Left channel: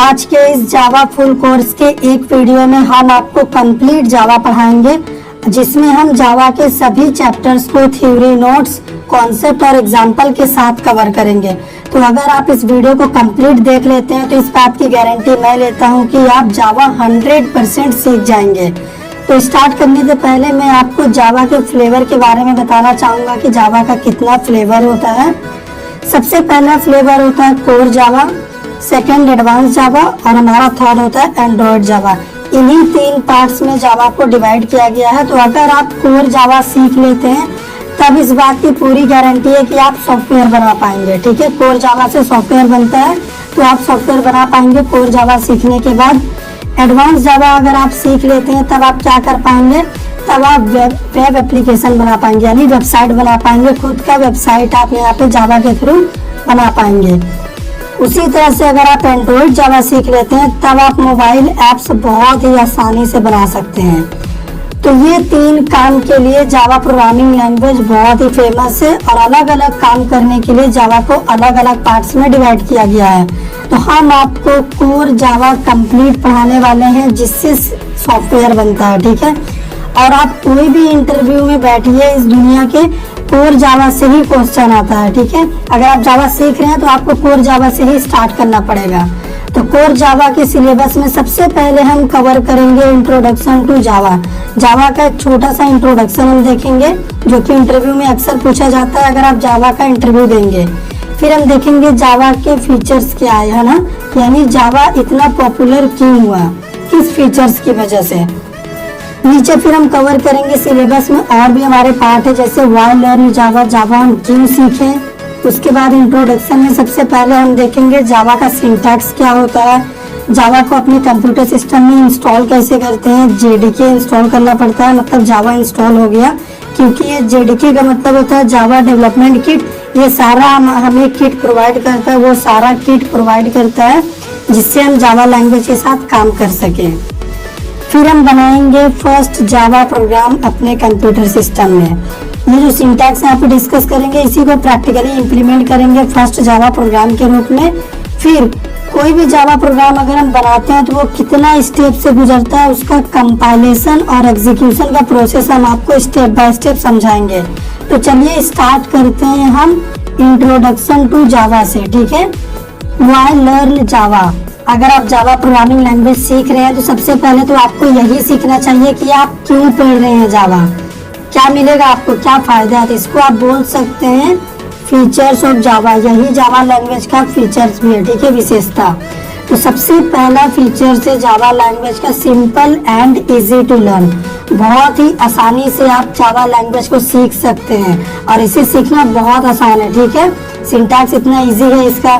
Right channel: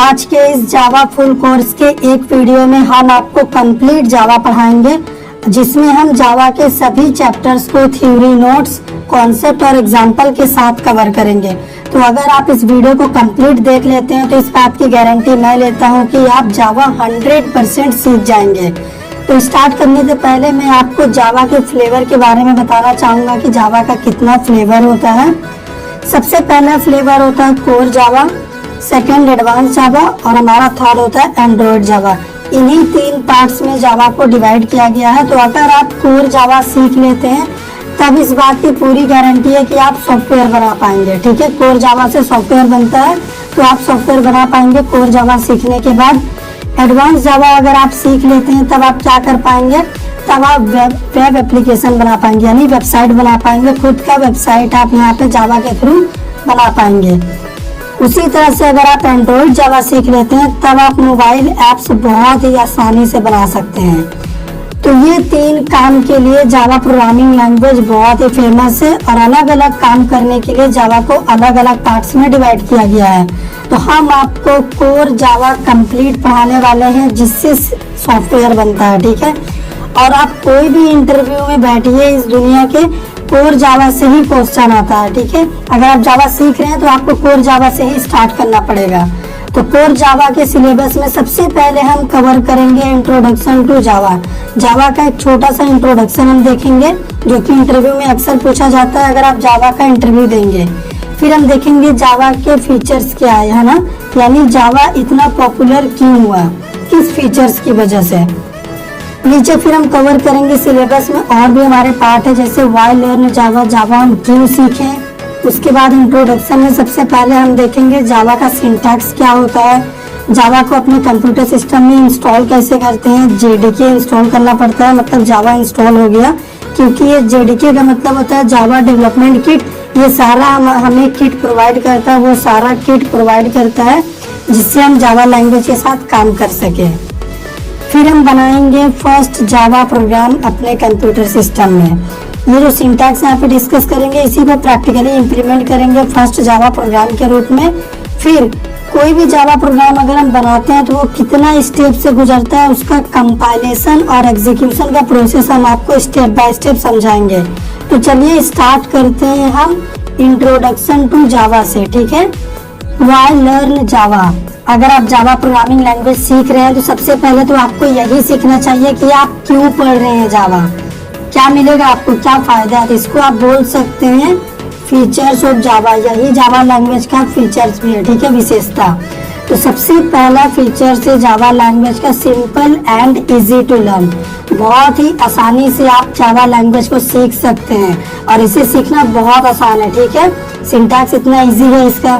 आज के इस जावा फुल कोर्स के एक वीडियो में हम आपको कंप्लीट जावा पढ़ाएंगे, जिसमें हम जावा के सभी चैप्टर्स को थ्योरी, नोट्स, कॉन्सेप्ट और एग्जाम्पल के साथ कवर करेंगे। तो अगर आप इस वीडियो को कंप्लीट देख लेते हैं तो इस बात की गारंटी मैं लेता हूं कि आप जावा 100% सीख जाएंगे। तो स्टार्ट करने से पहले मैं आपको जावा के फ्लेवर के बारे में बताना चाहूंगा कि जावा का कितना फ्लेवर होता है। सबसे पहला फ्लेवर होता है कोर जावा, सेकंड एडवांस जावा और हमारा थर्ड होता है एंड्रॉइड जावा। इन्हीं तीन पार्ट्स में जावा को डिवाइड किया गया है। तो अगर आप कोर जावा सीख लेते हैं तब इस बात की पूरी गारंटी है कि आप सॉफ्टवेयर बना पाएंगे। ठीक है, कोर जावा से सॉफ्टवेयर बनता है, तो आप सॉफ्टवेयर बना पाएंगे कोर जावा सीखने के बाद। एडवांस जावा अगर आप सीख लेते हैं तब आप क्या कर पाएंगे, तब आप वेब एप्लीकेशन बना पाएंगे, यानी वेबसाइट बना पाएंगे। खुद का वेबसाइट आप यहाँ पे जावा के थ्रू बना पाएंगे। उसी तरह से अगर आप एंड्रॉइड जावा सीख लेते हैं तब आप मोबाइल ऐप्स बहुत ही आसानी से बना सकते हैं। तो ये तीन काम के लिए जावा प्रोग्रामिंग लैंग्वेज बहुत ही फेमस है और अलग अलग काम करने के लिए जावा को अलग अलग पार्ट्स में डिवाइड किया गया है। तो हम आपको कोर जावा कंप्लीट पढ़ाने वाले हैं, जिससे सॉफ्टवेयर बनता है। ठीक है, और आप कोई भी इंटरव्यू में बैठिए, इस दुनिया के कोर जावा से ही क्वेश्चन आता है। ठीक है, अगर आप जावा सीख रहे हैं तो आपको कोर जावा से ही स्टार्ट करना पड़ेगा। तो कोर जावा के सिलेबस में सबसे पहले हम कवर करेंगे इंट्रोडक्शन टू जावा। जावा का एक छोटा सा इंट्रोडक्शन हम देखेंगे, जो कि इंटरव्यू में अक्सर पूछा जाता है अगर आप जावा का इंटरव्यू देंगे। फिर हम देखेंगे जावा के फीचर्स क्या है ना, यानी जावा इतना पॉपुलर क्यों हुआ, किस फीचर्स की वजह से। नीचे फिर हम कवर करेंगे सिलेबस में और भी हमारे पार्ट है, जैसे व्हाई लर्न जावा, जावा हम क्यों सीखें। उसके बाद इंट्रोडक्शन में सबसे पहले हम देखेंगे जावा का सिंटैक्स क्या होता है, जावा को अपने कंप्यूटर सिस्टम में इंस्टॉल कैसे करते हैं। जेडीके इंस्टॉल करना पड़ता है, मतलब जावा इंस्टॉल हो गया, क्योंकि ये जेडीके का मतलब होता है जावा डेवलपमेंट किट। ये सारा हमें किट प्रोवाइड करता है, वो सारा किट प्रोवाइड करता है जिससे हम जावा लैंग्वेज के साथ काम कर सके। फिर हम बनाएंगे फर्स्ट जावा प्रोग्राम अपने कंप्यूटर सिस्टम में। ये जो सिंटैक्स यहाँ पे डिस्कस करेंगे, इसी को प्रैक्टिकली इम्प्लीमेंट करेंगे फर्स्ट जावा प्रोग्राम के रूप में। फिर कोई भी जावा प्रोग्राम अगर हम बनाते हैं तो वो कितना स्टेप से गुजरता है, उसका कंपाइलेशन और एग्जीक्यूशन का प्रोसेस हम आपको स्टेप बाय स्टेप समझाएंगे। तो चलिए स्टार्ट करते हैं हम इंट्रोडक्शन टू जावा से। ठीक है, व्हाई लर्न जावा। अगर आप जावा प्रोग्रामिंग लैंग्वेज सीख रहे हैं तो सबसे पहले तो आपको यही सीखना चाहिए कि आप क्यों पढ़ रहे हैं जावा, क्या मिलेगा आपको, क्या फायदा है। तो इसको आप बोल सकते हैं फीचर्स ऑफ जावा, यही जावा लैंग्वेज का फीचर्स भी है। ठीक है, विशेषता। तो सबसे पहला फीचर है जावा लैंग्वेज का simple and easy to learn. बहुत ही आसानी से आप जावा लैंग्वेज को सीख सकते हैं और इसे सीखना बहुत आसान है। ठीक है, सिंटैक्स इतना इजी है इसका।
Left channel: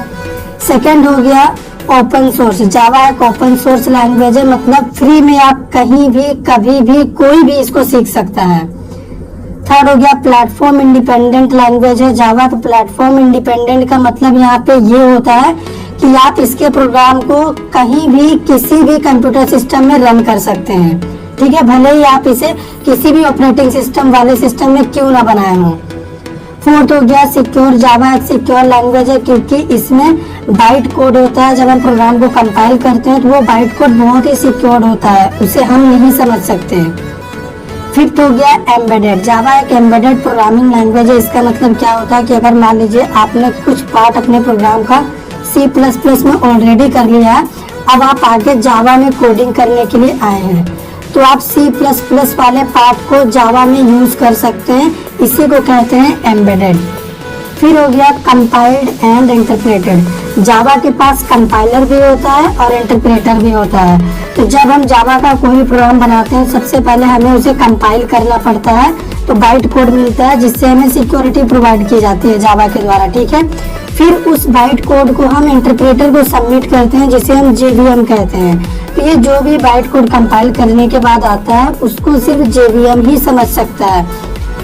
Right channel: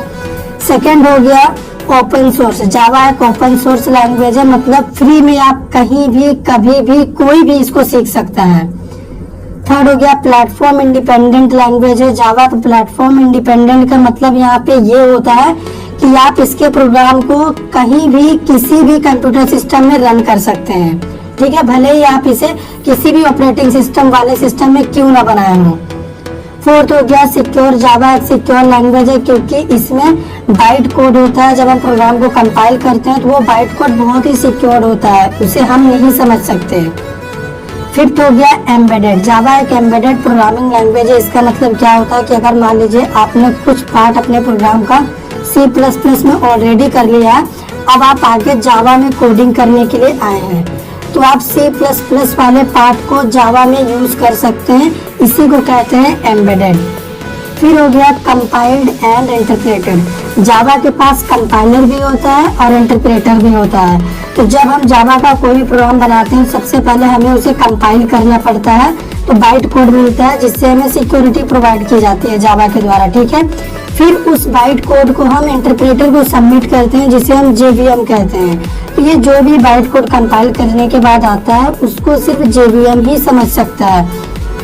सेकेंड हो गया ओपन सोर्स। जावा एक ओपन सोर्स लैंग्वेज है, मतलब फ्री में आप कहीं भी कभी भी कोई भी इसको सीख सकता है। थर्ड हो गया प्लेटफॉर्म इंडिपेंडेंट लैंग्वेज है। जावा तो प्लेटफॉर्म इंडिपेंडेंट का मतलब यहाँ पे ये होता है कि आप इसके प्रोग्राम को कहीं भी किसी भी कंप्यूटर सिस्टम में रन कर सकते हैं। ठीक है, भले ही आप इसे किसी भी ऑपरेटिंग सिस्टम वाले सिस्टम में क्यों ना बनाए हों। फोर्थ हो गया सिक्योर। जावा एक सिक्योर लैंग्वेज है क्योंकि इसमें बाइट कोड होता है। जब हम प्रोग्राम को कंपाइल करते हैं तो वो बाइट कोड बहुत ही सिक्योर होता है, उसे हम नहीं समझ सकते। फिफ्थ हो गया एम्बेडेड। जावा एक एम्बेडेड प्रोग्रामिंग लैंग्वेज है। इसका मतलब क्या होता है कि अगर मान लीजिए आपने कुछ पार्ट अपने प्रोग्राम का C++ में ऑलरेडी कर लिया है, अब आप आगे जावा में कोडिंग करने के लिए आए हैं, तो आप C++ वाले पार्ट को जावा में यूज कर सकते हैं, इसी को कहते हैं एम्बेडेड। फिर हो गया कंपाइल्ड एंड इंटरप्रेटेड। जावा के पास कंपाइलर भी होता है और इंटरप्रेटर भी होता है। तो जब हम जावा का कोई भी प्रोग्राम बनाते हैं सबसे पहले हमें उसे कंपाइल करना पड़ता है, तो बाइट कोड मिलता है जिससे हमें सिक्योरिटी प्रोवाइड की जाती है जावा के द्वारा। ठीक है, फिर उस बाइट कोड को हम इंटरप्रेटर को सबमिट करते हैं, जिसे हम JVM कहते हैं। तो ये जो भी बाइट कोड कंपाइल करने के बाद आता है उसको सिर्फ JVM ही समझ सकता है।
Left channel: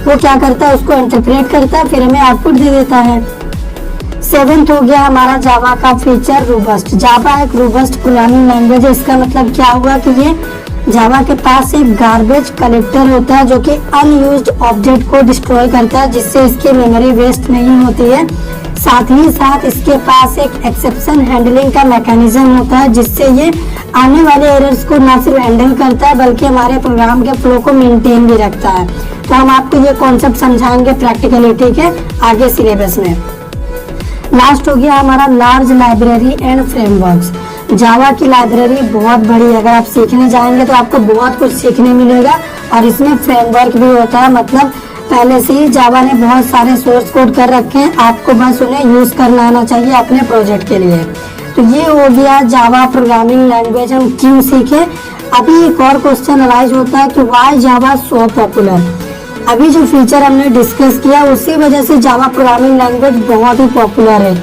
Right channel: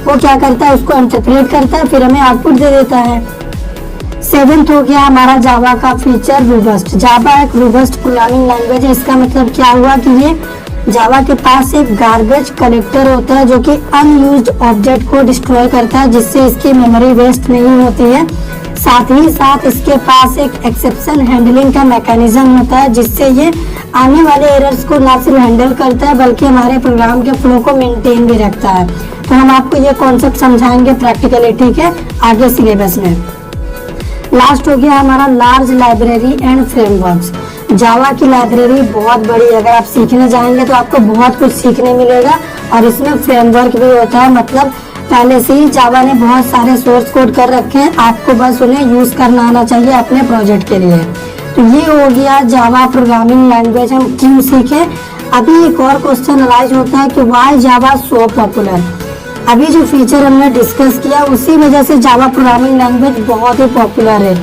वो क्या करता है, उसको इंटरप्रेट करता है, फिर हमें आउटपुट दे देता है। सेवेंथ हो गया हमारा जावा का फीचर रोबस्ट। जावा एक रोबस्ट प्रोग्रामिंग लैंग्वेज है। इसका मतलब क्या हुआ कि ये जावा के पास एक गार्बेज कलेक्टर होता है जो कि अनयूज्ड ऑब्जेक्ट को डिस्ट्रॉय करता है, जिससे इसकी मेमोरी वेस्ट नहीं होती है। साथ ही साथ इसके पास एक एक्सेप्शन हैंडलिंग का मैकेनिज्म होता है, जिससे ये आने वाले एरर्स को ना सिर्फ हैंडल करता है बल्कि हमारे प्रोग्राम के फ्लो को मेंटेन भी रखता है। तो हम आपको ये कॉन्सेप्ट समझाएंगे प्रैक्टिकली, ठीक है, आगे सिलेबस में। लास्ट हो गया हमारा लार्ज लाइब्रेरी एंड फ्रेमवर्क्स। जावा की लाइब्रेरी बहुत बड़ी है, अगर आप सीखने जाएंगे तो आपको बहुत कुछ सीखने मिलेगा और इसमें फ्रेमवर्क भी होता है, मतलब पहले से ही जावा ने बहुत सारे सोर्स कोड कर रखे हैं, आपको बस उन्हें यूज करना आना चाहिए अपने प्रोजेक्ट के लिए। तो ये हो गया जावा प्रोग्रामिंग लैंग्वेज हम क्यों सीखे। अभी एक और क्वेश्चन अराइज होता है कि व्हाई जावा सो पॉपुलर। अभी जो फीचर हमने डिस्कस किया उसी वजह से जावा प्रोग्रामिंग लैंग्वेज बहुत ही पॉपुलर है।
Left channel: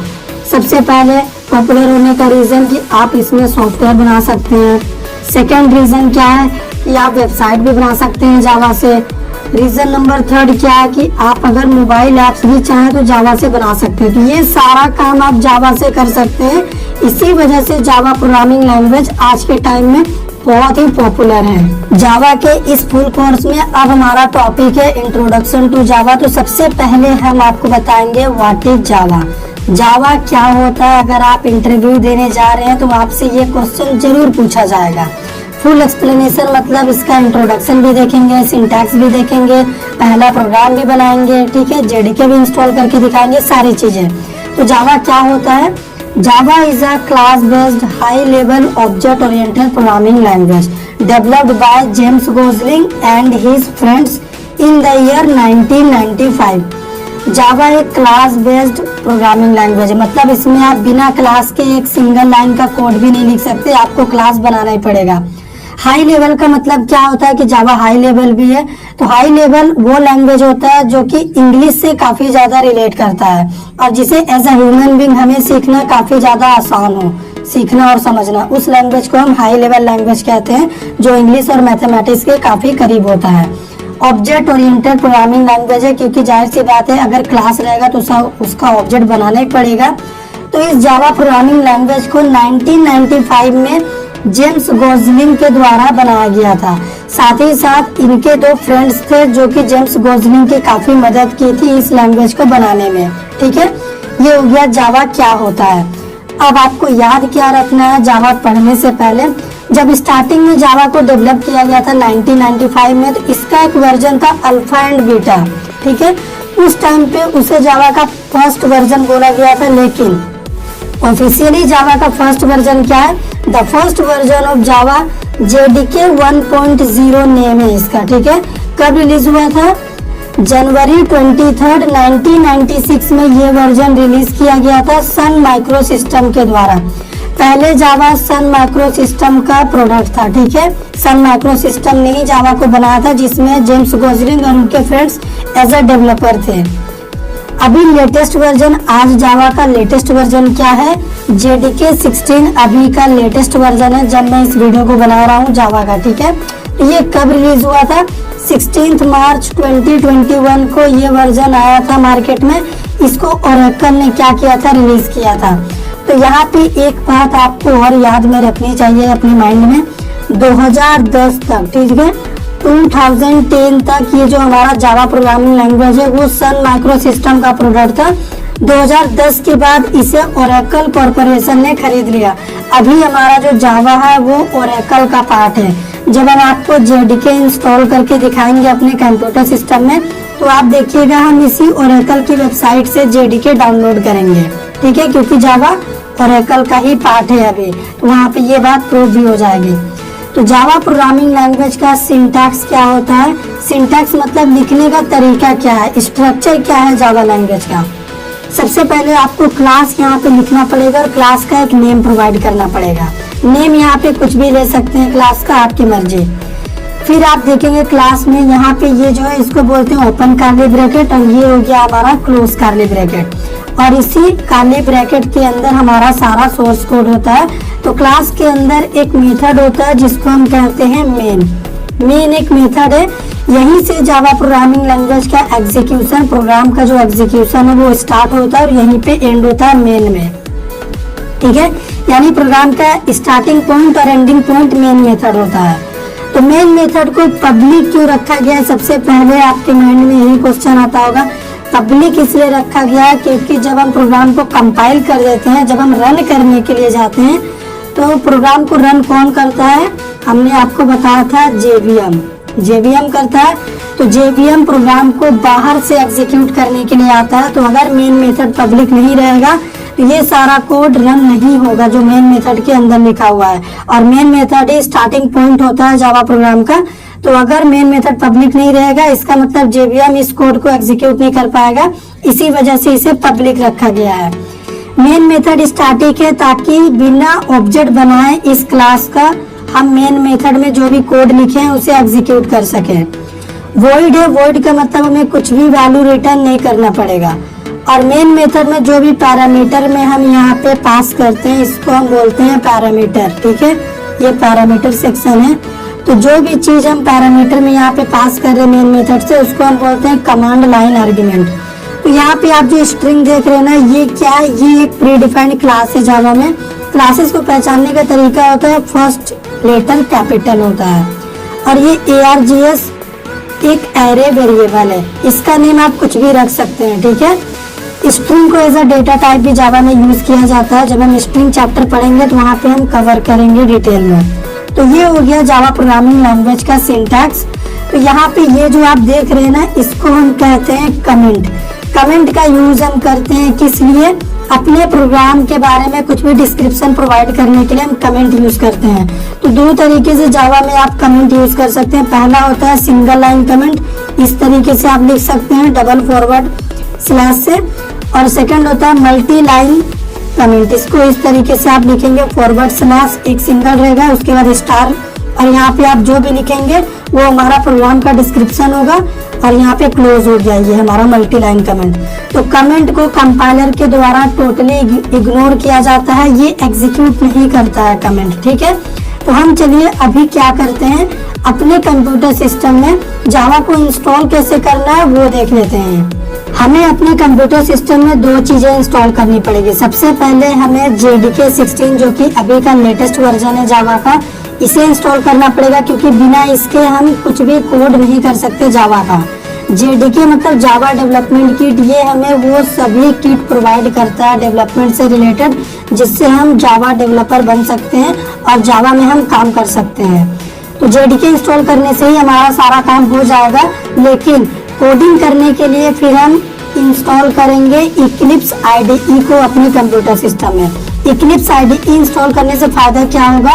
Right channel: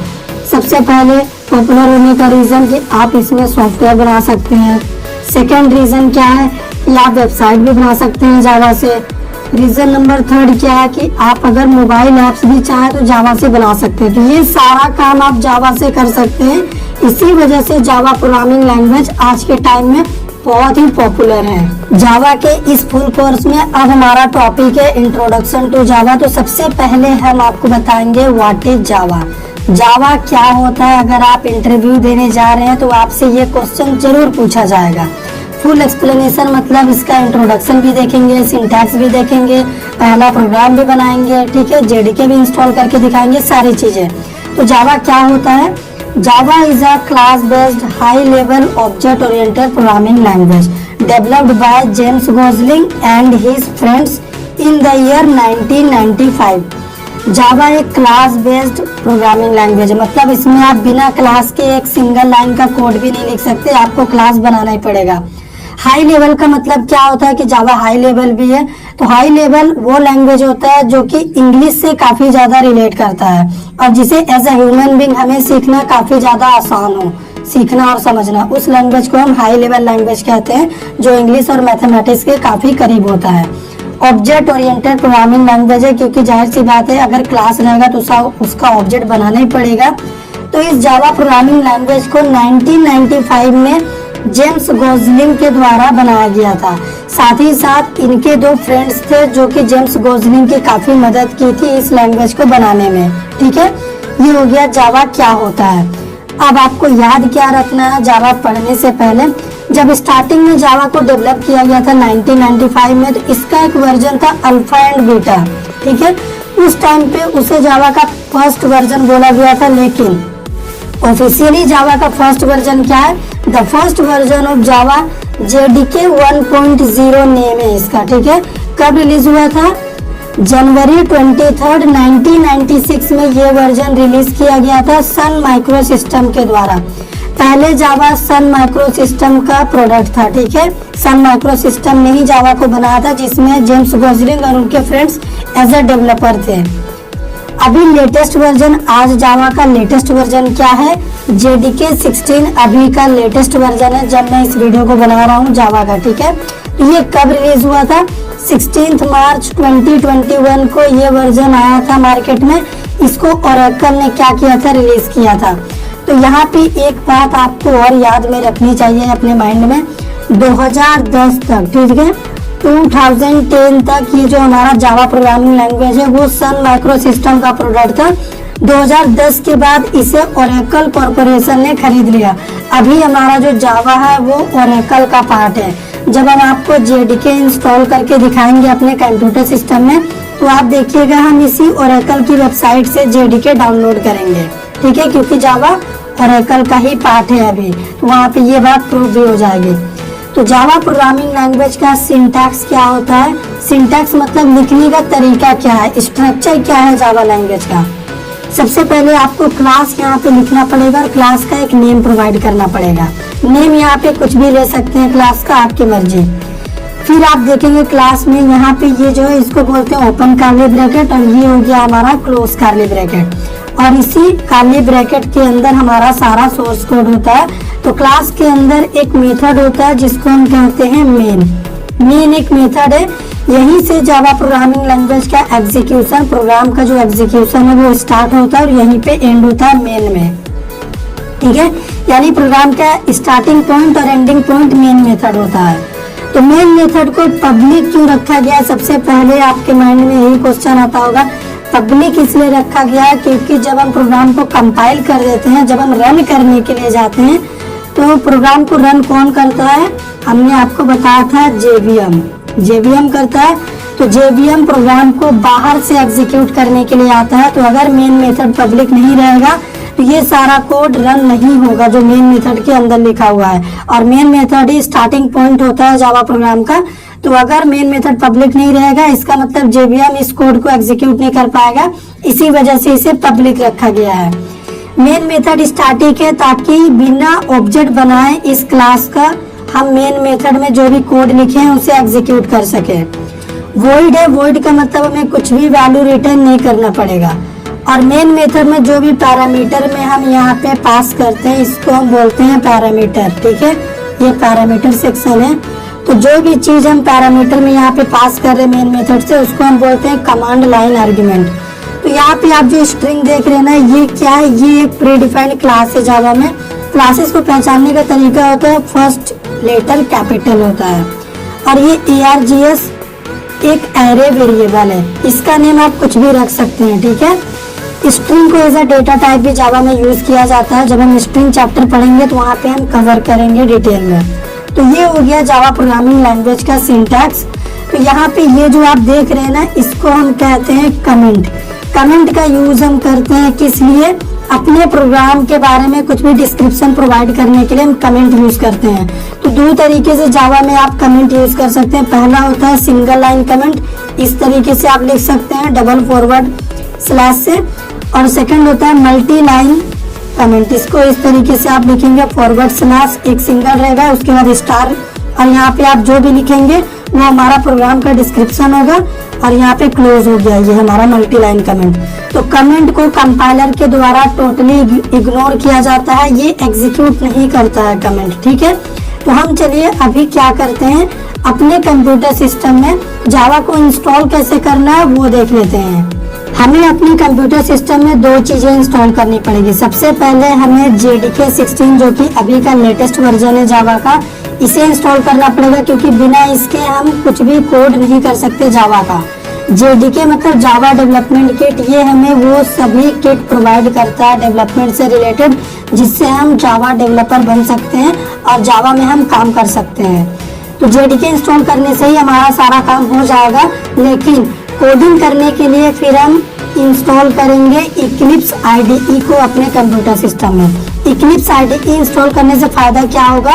सबसे पहले पॉपुलर होने का रीजन कि आप इसमें सॉफ्टवेयर बना सकते हैं। सेकेंड रीजन क्या है कि आप वेबसाइट भी बना सकते हैं जावा से। रीजन नंबर थर्ड क्या है कि आप अगर मोबाइल ऐप्स भी चाहें तो जावा से बना सकते हैं। तो ये सारा काम आप जावा से कर सकते हैं, इसी वजह से जावा प्रोग्रामिंग लैंग्वेज आज के टाइम में बहुत ही पॉपुलर है। जावा के इस फुल कोर्स में अब हमारा टॉपिक है इंट्रोडक्शन टू जावा। तो सबसे पहले हम आपको बताएंगे व्हाट इज जावा। जावा क्या होता है, अगर आप इंटरव्यू देने जा रहे हैं तो आपसे ये क्वेश्चन जरूर पूछा जाएगा। फुल एक्सप्लेनेशन मतलब इसका इंट्रोडक्शन भी देखेंगे, सिंटैक्स भी देखेंगे, पहला प्रोग्राम भी बनाएंगे, ठीक है, जेडीके भी इंस्टॉल करके दिखाएंगे, सारी चीजें। तो जावा क्या होता है। Java is a class based high level object oriented programming language developed by James Gosling and his friends in the year 1995। जावा एक क्लास बेस्ड प्रोग्रामिंग लैंग्वेज है, मतलब इसमें आप बिना क्लास के एक सिंगल लाइन का कोड भी नहीं लिख सकते, आपको क्लास बनाना ही पड़ेगा। हाई लेवल का मतलब क्या होता है कि जावा हाई लेवल भी है। तो हाई लेवल वो लैंग्वेज होता है जो कि इंग्लिश से काफी ज्यादा रिलेट करता है और जिसे एज अ ह्यूमन बीइंग हमें सीखना काफी ज्यादा आसान हो, सीखना और समझना, उस लैंग्वेज को हम हाई लेवल लैंग्वेज कहते हैं, जो इंग्लिश और मैथमेटिक्स के काफी करीब होता है। ऑब्जेक्ट ओरिएंटेड प्रोग्रामिंग लैंग्वेज है, क्योंकि जाहिर सी बात है अगर क्लास रहेगा तो उसका ऑब्जेक्ट बनाना ही पड़ेगा। तो इस जावा प्रोग्रामिंग लैंग्वेज को 1995 में जेम्स गोसलिंग के द्वारा बनाया गया था। साथ ही साथ इनके दो फ्रेंड्स थे जो कि जेम्स गोसलिंग की काफी मदद की थी इस लैंग्वेज को बनाने में, ठीक है। ये हो गया जावा क्या होता है। अब आपको याद क्या रखना है जावा पढ़ने से पहले, जब स्टार्टिंग में जावा को डेवलप किया गया था 1995 में, तो इसका एक वर्जन था अल्फा एंड बीटा, ठीक है। उस टाइम पे उसे जावा का फर्स्ट वर्जन बोला गया था, लेकिन ऑफिशियली जावा का फर्स्ट वर्जन क्या है, the first version of Java JDK 1.0 name है इसका, ठीक है। कब रिलीज हुआ था, जनवरी 23, 1996 में ये वर्जन रिलीज किया गया था सन माइक्रो सिस्टम के द्वारा। पहले जावा सन माइक्रो सिस्टम का प्रोडक्ट था, ठीक है। सन माइक्रो सिस्टम ने ही जावा को बनाया था, जिसमें जेम्स गोसलिंग और उनके फ्रेंड्स एज अ डेवलपर थे। अभी लेटेस्ट वर्जन, आज जावा का लेटेस्ट वर्जन क्या है, जेडीके 16 अभी का लेटेस्ट वर्जन है जब मैं इस वीडियो को बना रहा हूँ जावा का, ठीक है। ये कब रिलीज हुआ था, 16 मार्च 2021 को ये वर्जन आया था मार्केट में। इसको ओरेकल ने क्या किया था, रिलीज किया था। तो यहाँ पे एक बात आपको और याद में रखनी चाहिए अपने माइंड में, 2010 तक, ठीक है, 2010 तक ये जो हमारा जावा प्रोग्रामिंग लैंग्वेज है वो सन माइक्रो सिस्टम का प्रोडक्ट था। 2010 के बाद इसे ओरेकल कॉर्पोरेशन ने खरीद लिया। अभी हमारा जो जावा है वो ओरेकल का पार्ट है। जब हम आपको जेडीके इंस्टॉल करके दिखाएंगे अपने कंप्यूटर सिस्टम में, तो आप देखिएगा हम इसी ओरेकल की वेबसाइट से जेडीके डाउनलोड करेंगे, ठीक है, क्योंकि जावा ओरेकल का ही पार्ट है अभी, तो वहाँ पे ये बात प्रूव भी हो जाएगी। तो जावा प्रोग्रामिंग लैंग्वेज का सिंटैक्स क्या होता है, सिंटैक्स मतलब लिखने का तरीका क्या है, स्ट्रक्चर क्या है जावा लैंग्वेज का। सबसे पहले आपको क्लास यहाँ पे लिखना पड़ेगा और क्लास का एक नेम प्रोवाइड करना पड़ेगा। नेम यहाँ पे कुछ भी ले सकते हैं क्लास का, आपकी मर्जी। फिर आप देखेंगे क्लास में यहाँ पे ये जो है इसको बोलते हैं ओपन कर्ली ब्रैकेट, और ये हो गया हमारा क्लोज कर्ली ब्रैकेट, और इसी कर्ली ब्रैकेट के अंदर हमारा सारा सोर्स कोड होता है। तो क्लास के अंदर एक मेथड होता है जिसको हम कहते हैं मेन एक मेथड है। यहीं से जावा प्रोग्रामिंग लैंग्वेज का एग्जीक्यूशन, प्रोग्राम का जो एग्जीक्यूशन है वो स्टार्ट होता है और यहीं पे एंड होता है मेन में, ठीक है। यानी प्रोग्राम का स्टार्टिंग पॉइंट और एंडिंग पॉइंट मेन मेथड होता है। तो मेन मेथड को पब्लिक क्यों रखा गया है, सबसे पहले आपके माइंड में यही क्वेश्चन आता होगा। पब्लिक इसलिए रखा गया है क्योंकि जब हम प्रोग्राम को कंपाइल कर देते हैं, जब हम रन करने के लिए जाते हैं, तो प्रोग्राम को रन कौन करता है? हमने आपको बताया था जेवीएम करता है। तो जेवीएम प्रोग्राम को बाहर से एग्जीक्यूट करने के लिए आता है। तो अगर मेन मेथड पब्लिक नहीं रहेगा तो ये सारा कोड रन नहीं होगा जो मेन मेथड के अंदर लिखा हुआ है। और मेन मेथड ही स्टार्टिंग पॉइंट होता है जावा प्रोग्राम का। तो अगर मेन मेथड पब्लिक नहीं रहेगा, इसका मतलब जेवीएम इस कोड को एग्जीक्यूट नहीं कर पाएगा। इसी वजह से इसे पब्लिक रखा गया है। मेन मेथड स्टैटिक है ताकि बिना ऑब्जेक्ट बनाए इस क्लास का हम मेन मेथड में जो भी कोड लिखे हैं उसे एग्जीक्यूट कर सके। वॉइड है, वॉइड का मतलब हमें कुछ भी वैल्यू रिटर्न नहीं करना पड़ेगा। और मेन मेथड में जो भी पैरामीटर में हम यहाँ पे पास करते हैं इसको हम बोलते हैं पैरामीटर। ठीक है, ये पैरामीटर सेक्शन है। तो जो भी चीज हम पैरामीटर में यहाँ पे पास कर रहे हैं मेन मेथड से, उसको हम बोलते हैं कमांड लाइन आर्गुमेंट। तो यहाँ पे आप जो स्ट्रिंग देख रहे हैं ना, ये क्या है? ये एक प्री डिफाइंड क्लास है जावा में। क्लासेस को पहचानने का तरीका होता है फर्स्ट लेटर कैपिटल होता है। और ये ARGS एक एरे वेरिएबल है, इसका नेम आप कुछ भी रख सकते हैं। ठीक है, स्ट्रिंग को एज अ डेटा टाइप भी जावा में यूज किया जाता है। जब हम स्ट्रिंग चैप्टर पढ़ेंगे तो वहाँ पे हम कवर करेंगे डिटेल में। तो ये हो गया जावा प्रोग्रामिंग लैंग्वेज का सिंटैक्स। तो यहाँ पे ये जो आप देख रहे हैं ना, इसको हम कहते हैं कमेंट। कमेंट का यूज हम करते हैं किस लिए? अपने प्रोग्राम के बारे में कुछ भी डिस्क्रिप्शन प्रोवाइड करने के लिए हम कमेंट यूज करते हैं। तो दो तरीके से जावा में आप कमेंट यूज कर सकते हैं। पहला होता है सिंगल लाइन कमेंट, इस तरीके से आप लिख सकते हैं डबल फॉरवर्ड स्लैश से। और सेकंड होता है मल्टी लाइन कमेंट, इसको इस तरीके से आप लिखेंगे फॉरवर्ड स्लैश, एक सिंगल रहेगा उसके बाद स्टार, और यहाँ पे आप जो भी लिखेंगे वो हमारा प्रोग्राम का डिस्क्रिप्शन होगा और यहाँ पे क्लोज हो जाएगा हमारा मल्टी लाइन कमेंट। तो कमेंट को कंपाइलर के द्वारा टोटली इग्नोर किया जाता है, ये एग्जीक्यूट नहीं करता है कमेंट। ठीक है, तो हम चलिए अभी क्या करते हैं, अपने कंप्यूटर सिस्टम में जावा को इंस्टॉल कैसे करना है वो देख लेते हैं। हमें अपने कंप्यूटर सिस्टम में दो चीजें इंस्टॉल करनी पड़ेगी। सबसे पहले हमें JDK 16 जो कि अभी का लेटेस्ट वर्जन है जावा का, इसे इंस्टॉल करना पड़ेगा क्योंकि बिना इसके हम कुछ भी कोड नहीं कर सकते जावा का। JDK मतलब जावा डेवलपमेंट किट, ये हमें वो सभी किट प्रोवाइड करता है डेवलपमेंट से रिलेटेड, जिससे हम जावा डेवलपर बन सकते हैं और जावा में हम काम कर सकते हैं। तो JDK इंस्टॉल करने से ही हमारा सारा काम हो जाएगा, लेकिन कोडिंग करने के लिए फिर हम इंस्टॉल करेंगे Eclipse IDE को अपने कंप्यूटर सिस्टम में। Eclipse IDE इंस्टॉल करने से फायदा क्या होगा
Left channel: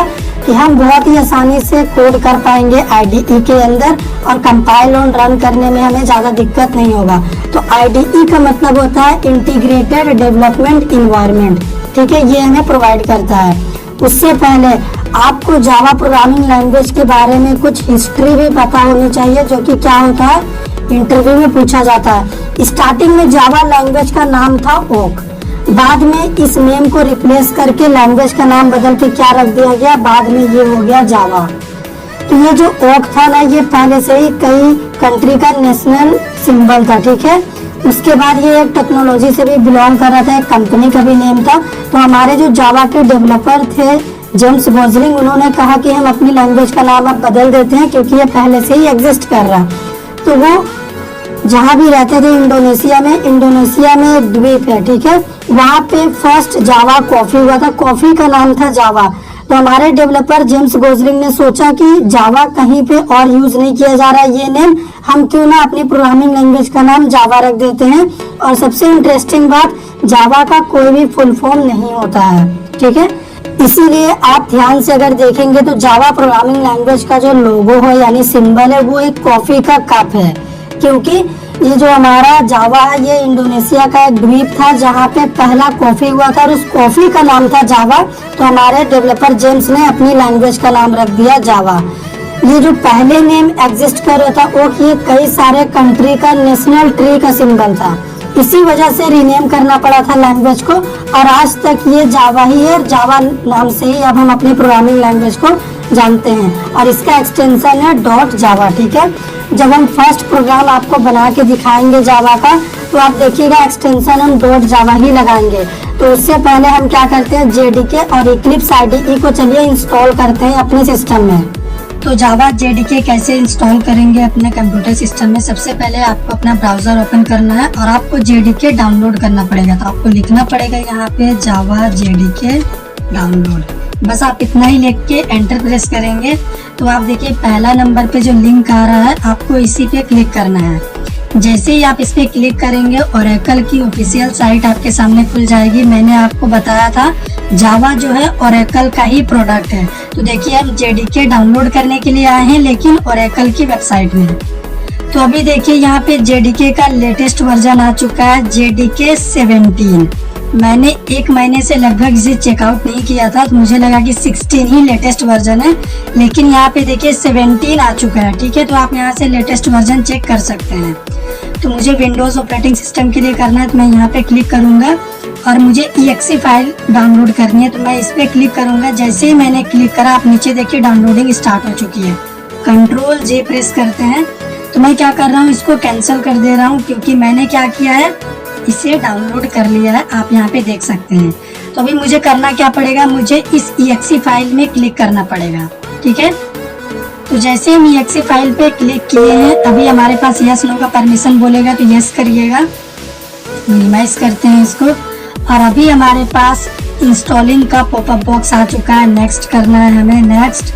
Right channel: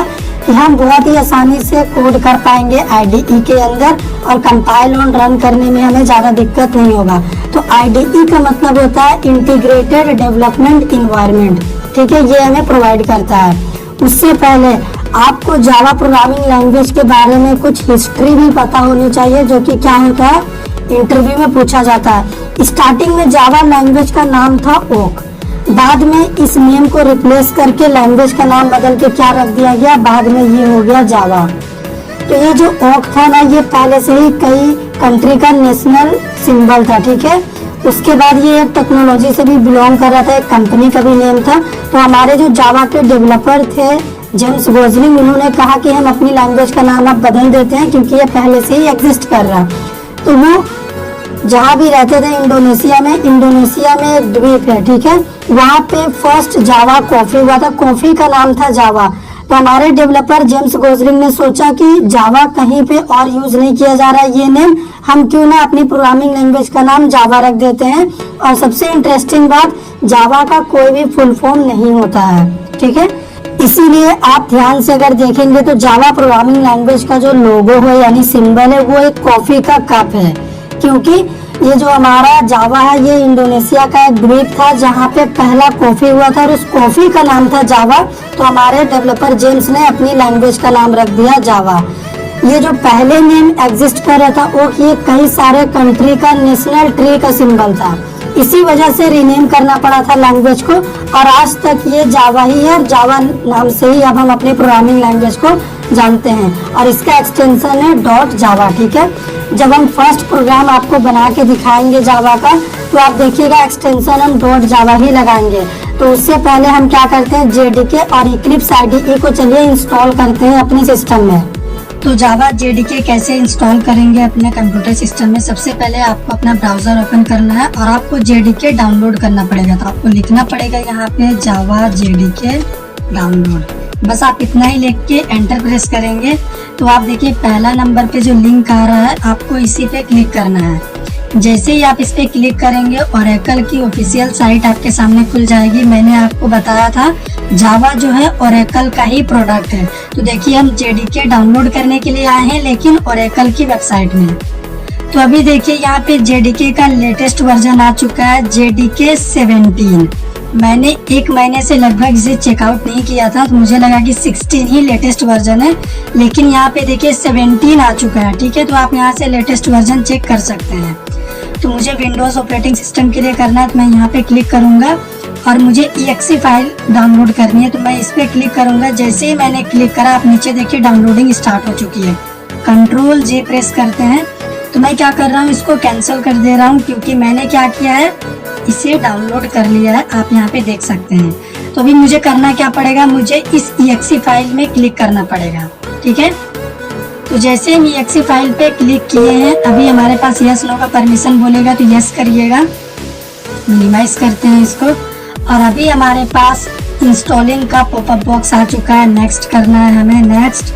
कि हम बहुत ही आसानी से कोड कर पाएंगे IDE के अंदर और कंपाइल और रन करने में हमें ज्यादा दिक्कत नहीं होगा। तो IDE का मतलब होता है इंटीग्रेटेड डेवलपमेंट इन्वायरमेंट। ठीक है, ये हमें प्रोवाइड करता है। उससे पहले आपको जावा प्रोग्रामिंग लैंग्वेज के बारे में कुछ हिस्ट्री भी पता होनी चाहिए, जो कि क्या होता है इंटरव्यू में पूछा जाता है। स्टार्टिंग में जावा लैंग्वेज का नाम था ओक, बाद में इस नेम को रिप्लेस करके लैंग्वेज का नाम बदल के क्या रख दिया गया, बाद में ये हो गया जावा। तो ये जो ओक था ना, ये पहले से ही कई कंट्री का नेशनल सिंबल था। ठीक है, उसके बाद ये एक टेक्नोलॉजी से भी बिलोंग कर रहा था, एक कंपनी का भी नेम था। तो हमारे जो जावा के डेवलपर थे जेम्स गोजलिंग, उन्होंने कहा कि हम अपनी लैंग्वेज का नाम अब बदल देते हैं क्योंकि ये पहले से ही एग्जिस्ट कर रहा है। तो वो जहाँ भी रहते थे इंडोनेशिया में एक द्वीप है। ठीक है, वहाँ पे फर्स्ट जावा कॉफी हुआ था, कॉफी का नाम था जावा। तो हमारे डेवलपर जेम्स गोजलिंग ने सोचा कि जावा कहीं पे और यूज नहीं किया जा रहा है ये नेम, हम क्यों ना अपनी प्रोग्रामिंग लैंग्वेज का नाम जावा रख देते हैं। और सबसे इंटरेस्टिंग बात, जावा का कोई भी फुल फॉर्म नहीं होता है। ठीक है, इसीलिए आप ध्यान से अगर देखेंगे तो जावा प्रोग्रामिंग लैंग्वेज का जो लोगो है यानी सिंबल है वो एक कॉफी का कप है, क्योंकि ये जो हमारा जावा है ये इंडोनेशिया का एक द्वीप था जहाँ पे पहला कॉफी हुआ था और उस कॉफी का नाम था जावा। तो हमारे डेवलपर जेम्स ने अपनी लैंग्वेज का नाम रख दिया जावा। ये जो पहले नेम एग्जिस्ट कर रहा था वो ये कई सारे कंट्री का नेशनल ट्री का सिंबल था, इसी वजह से रीनेम करना पड़ा था लैंग्वेज को। और आज तक ये जावा ही है, जावा नाम से ही अब हम अपनी प्रोग्रामिंग लैंग्वेज को जानते हैं और इसका एक्सटेंशन है .java। ठीक है, जब हम फर्स्ट प्रोग्राम आपको बना के दिखाएंगे जावा का तो आप देखिएगा एक्सटेंशन हम .java ही लगाएंगे। तो उससे पहले हम क्या करते हैं, JDK और Eclipse IDE को चलिए इंस्टॉल करते हैं अपने सिस्टम में। तो जावा जेडीके कैसे इंस्टॉल करेंगे अपने कंप्यूटर सिस्टम में। सबसे पहले आपको अपना ब्राउजर ओपन करना है और आपको जेडीके डाउनलोड करना पड़ेगा। तो आपको लिखना पड़ेगा यहाँ पे जावा जेडीके डाउनलोड। बस आप इतना ही लिख के एंटर प्रेस करेंगे तो आप देखिए पहला नंबर पे जो लिंक आ रहा है आपको इसी पे क्लिक करना है। जैसे ही आप इस पे क्लिक करेंगे ओरेकल की ऑफिशियल साइट आपके सामने खुल जाएगी। मैंने आपको बताया था जावा जो है ओरेकल का ही प्रोडक्ट है। तो देखिए हम जेडीके डाउनलोड करने के लिए आए हैं लेकिन ओरेकल की वेबसाइट में। तो अभी देखिए यहाँ पे जेडीके का लेटेस्ट वर्जन आ चुका है, जेडीके 17। मैंने 1 महीने से लगभग इसे चेकआउट नहीं किया था तो मुझे लगा कि 16 ही लेटेस्ट वर्जन है, लेकिन यहाँ पे देखिए 17 आ चुका है। ठीक है, तो आप यहाँ से लेटेस्ट वर्जन चेक कर सकते हैं। तो मुझे विंडोज ऑपरेटिंग सिस्टम के लिए करना है तो मैं यहाँ पे क्लिक करूंगा और मुझे EXE फाइल डाउनलोड करनी है तो मैं इस पे क्लिक करूंगा। जैसे ही मैंने क्लिक करा आप नीचे देखिए डाउनलोडिंग स्टार्ट हो चुकी है। कंट्रोल J प्रेस करते हैं तो मैं क्या कर रहा हूँ, इसको कैंसिल कर दे रहा हूँ क्योंकि मैंने क्या किया है, इसे डाउनलोड कर लिया है। आप यहाँ पे देख सकते हैं। तो अभी मुझे करना क्या पड़ेगा, मुझे इस EXE फाइल में क्लिक करना पड़ेगा। ठीक है, तो जैसे हम EXE फाइल पे क्लिक किए हैं अभी हमारे पास यस नो का परमिशन बोलेगा तो यस करिएगा। मिनिमाइज करते हैं इसको और अभी हमारे पास इंस्टॉलिंग का पॉपअप बॉक्स आ चुका है। नेक्स्ट करना है हमें, नेक्स्ट।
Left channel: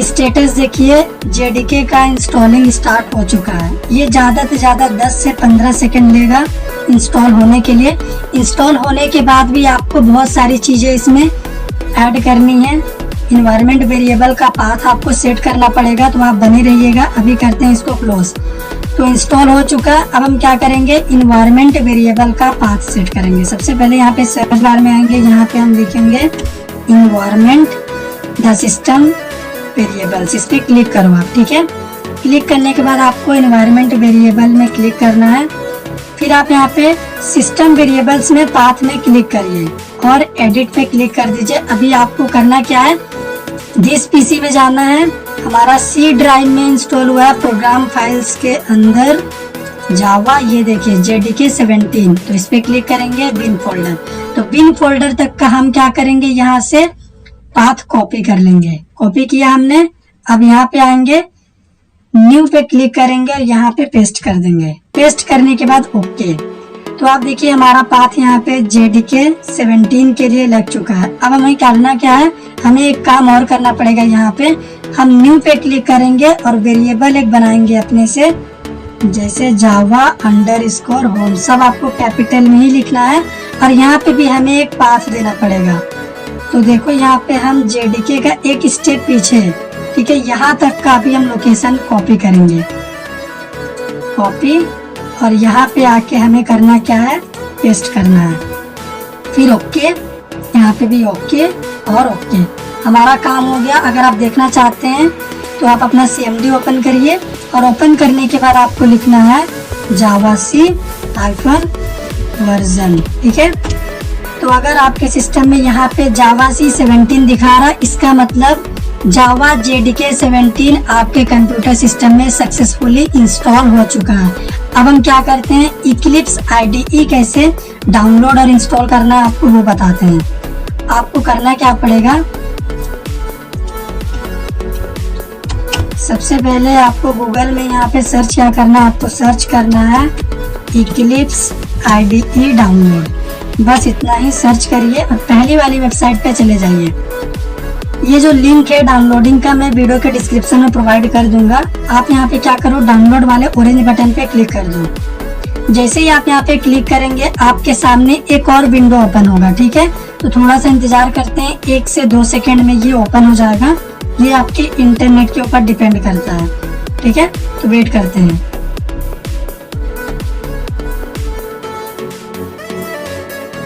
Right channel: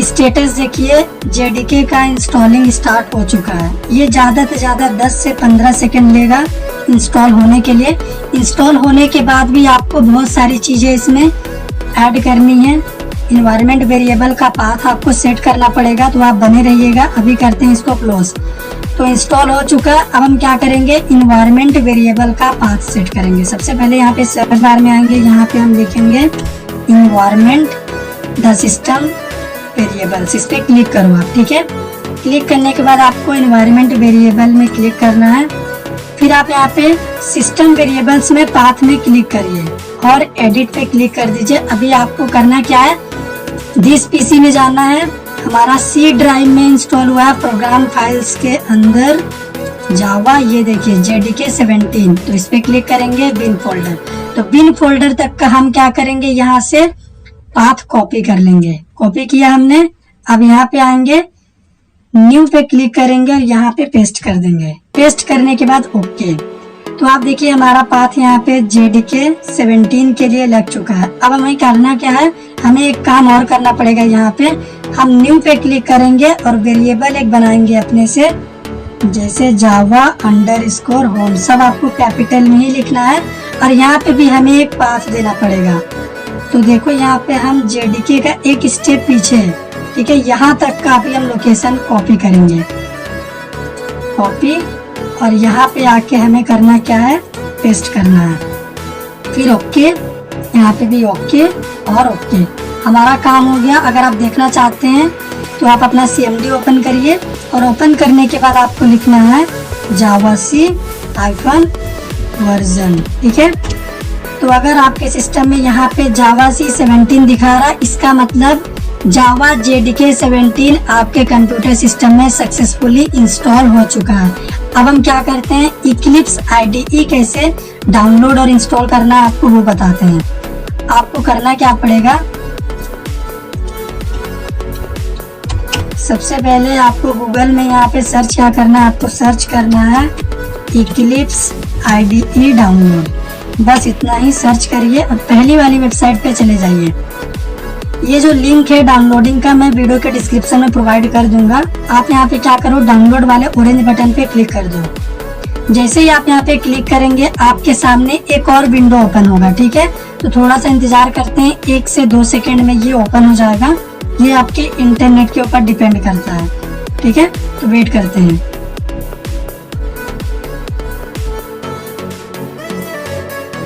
स्टेटस देखिए जेडीके का इंस्टॉलिंग स्टार्ट हो चुका है। ये ज़्यादा से ज़्यादा 10 से 15 सेकंड लेगा इंस्टॉल होने के लिए। इंस्टॉल होने के बाद भी आपको बहुत सारी चीज़ें इसमें ऐड करनी है। इन्वायरमेंट वेरिएबल का पाथ आपको सेट करना पड़ेगा तो आप बने रहिएगा। अभी करते हैं इसको क्लोज। तो इंस्टॉल हो चुका। अब हम क्या करेंगे, इन्वायरमेंट वेरिएबल का पाथ सेट करेंगे। सबसे पहले यहाँ पे सर्च बार में आएंगे, यहाँ पे हम लिखेंगे इन्वायरमेंट द सिस्टम वेरिएबल्स। इस पे क्लिक करो आप। ठीक है, क्लिक करने के बाद आपको इन्वायरमेंट वेरिएबल में क्लिक करना है। फिर आप यहाँ पे सिस्टम वेरिएबल्स में पाथ में क्लिक करिए और एडिट पे क्लिक कर दीजिए। अभी आपको करना क्या है, दिस पीसी में जाना है। हमारा C ड्राइव में इंस्टॉल हुआ है प्रोग्राम फाइल्स के अंदर जावा। ये देखिए जेडीके 17। तो इस पे क्लिक करेंगे, बिन फोल्डर। तो बिन फोल्डर तक का हम क्या करेंगे, यहाँ से पाथ कॉपी कर लेंगे। कॉपी किया हमने। अब यहाँ पे आएंगे, न्यू पे क्लिक करेंगे और यहाँ पे पेस्ट कर देंगे। पेस्ट करने के बाद ओके। तो आप देखिए हमारा पाथ यहाँ पे जेडीके 17 के लिए लग चुका है। अब हमें करना क्या है, हमें एक काम और करना पड़ेगा। यहाँ पे हम न्यू पे क्लिक करेंगे और वेरिएबल एक बनाएंगे अपने से, जैसे जावा अंडरस्कोर होम। सब आपको कैपिटल में ही लिखना है और यहाँ पे भी हमें एक पाथ देना पड़ेगा। तो देखो यहाँ पे हम जेडीके का एक स्टेप पीछे है। ठीक है, यहाँ तक का अभी हम लोकेशन कॉपी करेंगे, कॉपी। और यहाँ पे आके हमें करना क्या है, पेस्ट करना है। फिर ओके, यहाँ पे भी ओके और ओके। हमारा काम हो गया। अगर आप देखना चाहते हैं तो आप अपना CMD ओपन करिए और ओपन करने के बाद आपको लिखना है जावा C वर्जन। ठीक है, तो अगर आपके सिस्टम में यहाँ पे जावा C 17 दिखा रहा है, इसका मतलब जावा जेडीके 17 आपके कंप्यूटर सिस्टम में सक्सेसफुली इंस्टॉल हो चुका है। अब हम क्या करते हैं, इक्लिप्स IDE कैसे डाउनलोड और इंस्टॉल करना है आपको वो बताते हैं। आपको करना क्या पड़ेगा, सबसे पहले आपको गूगल में यहाँ पे सर्च क्या करना है, आपको सर्च करना है इक्लिप्स IDE डाउनलोड। बस इतना ही सर्च करिए और पहली वाली वेबसाइट पे चले जाइए। ये जो लिंक है डाउनलोडिंग का मैं वीडियो के डिस्क्रिप्शन में प्रोवाइड कर दूंगा। आप यहाँ पे क्या करो, डाउनलोड वाले ऑरेंज बटन पे क्लिक कर दो। जैसे ही आप यहाँ पे क्लिक करेंगे आपके सामने एक और विंडो ओपन होगा। ठीक है, तो थोड़ा सा इंतजार करते हैं, 1 से 2 सेकेंड में ये ओपन हो जाएगा। ये आपके इंटरनेट के ऊपर डिपेंड करता है। ठीक है, तो वेट करते हैं।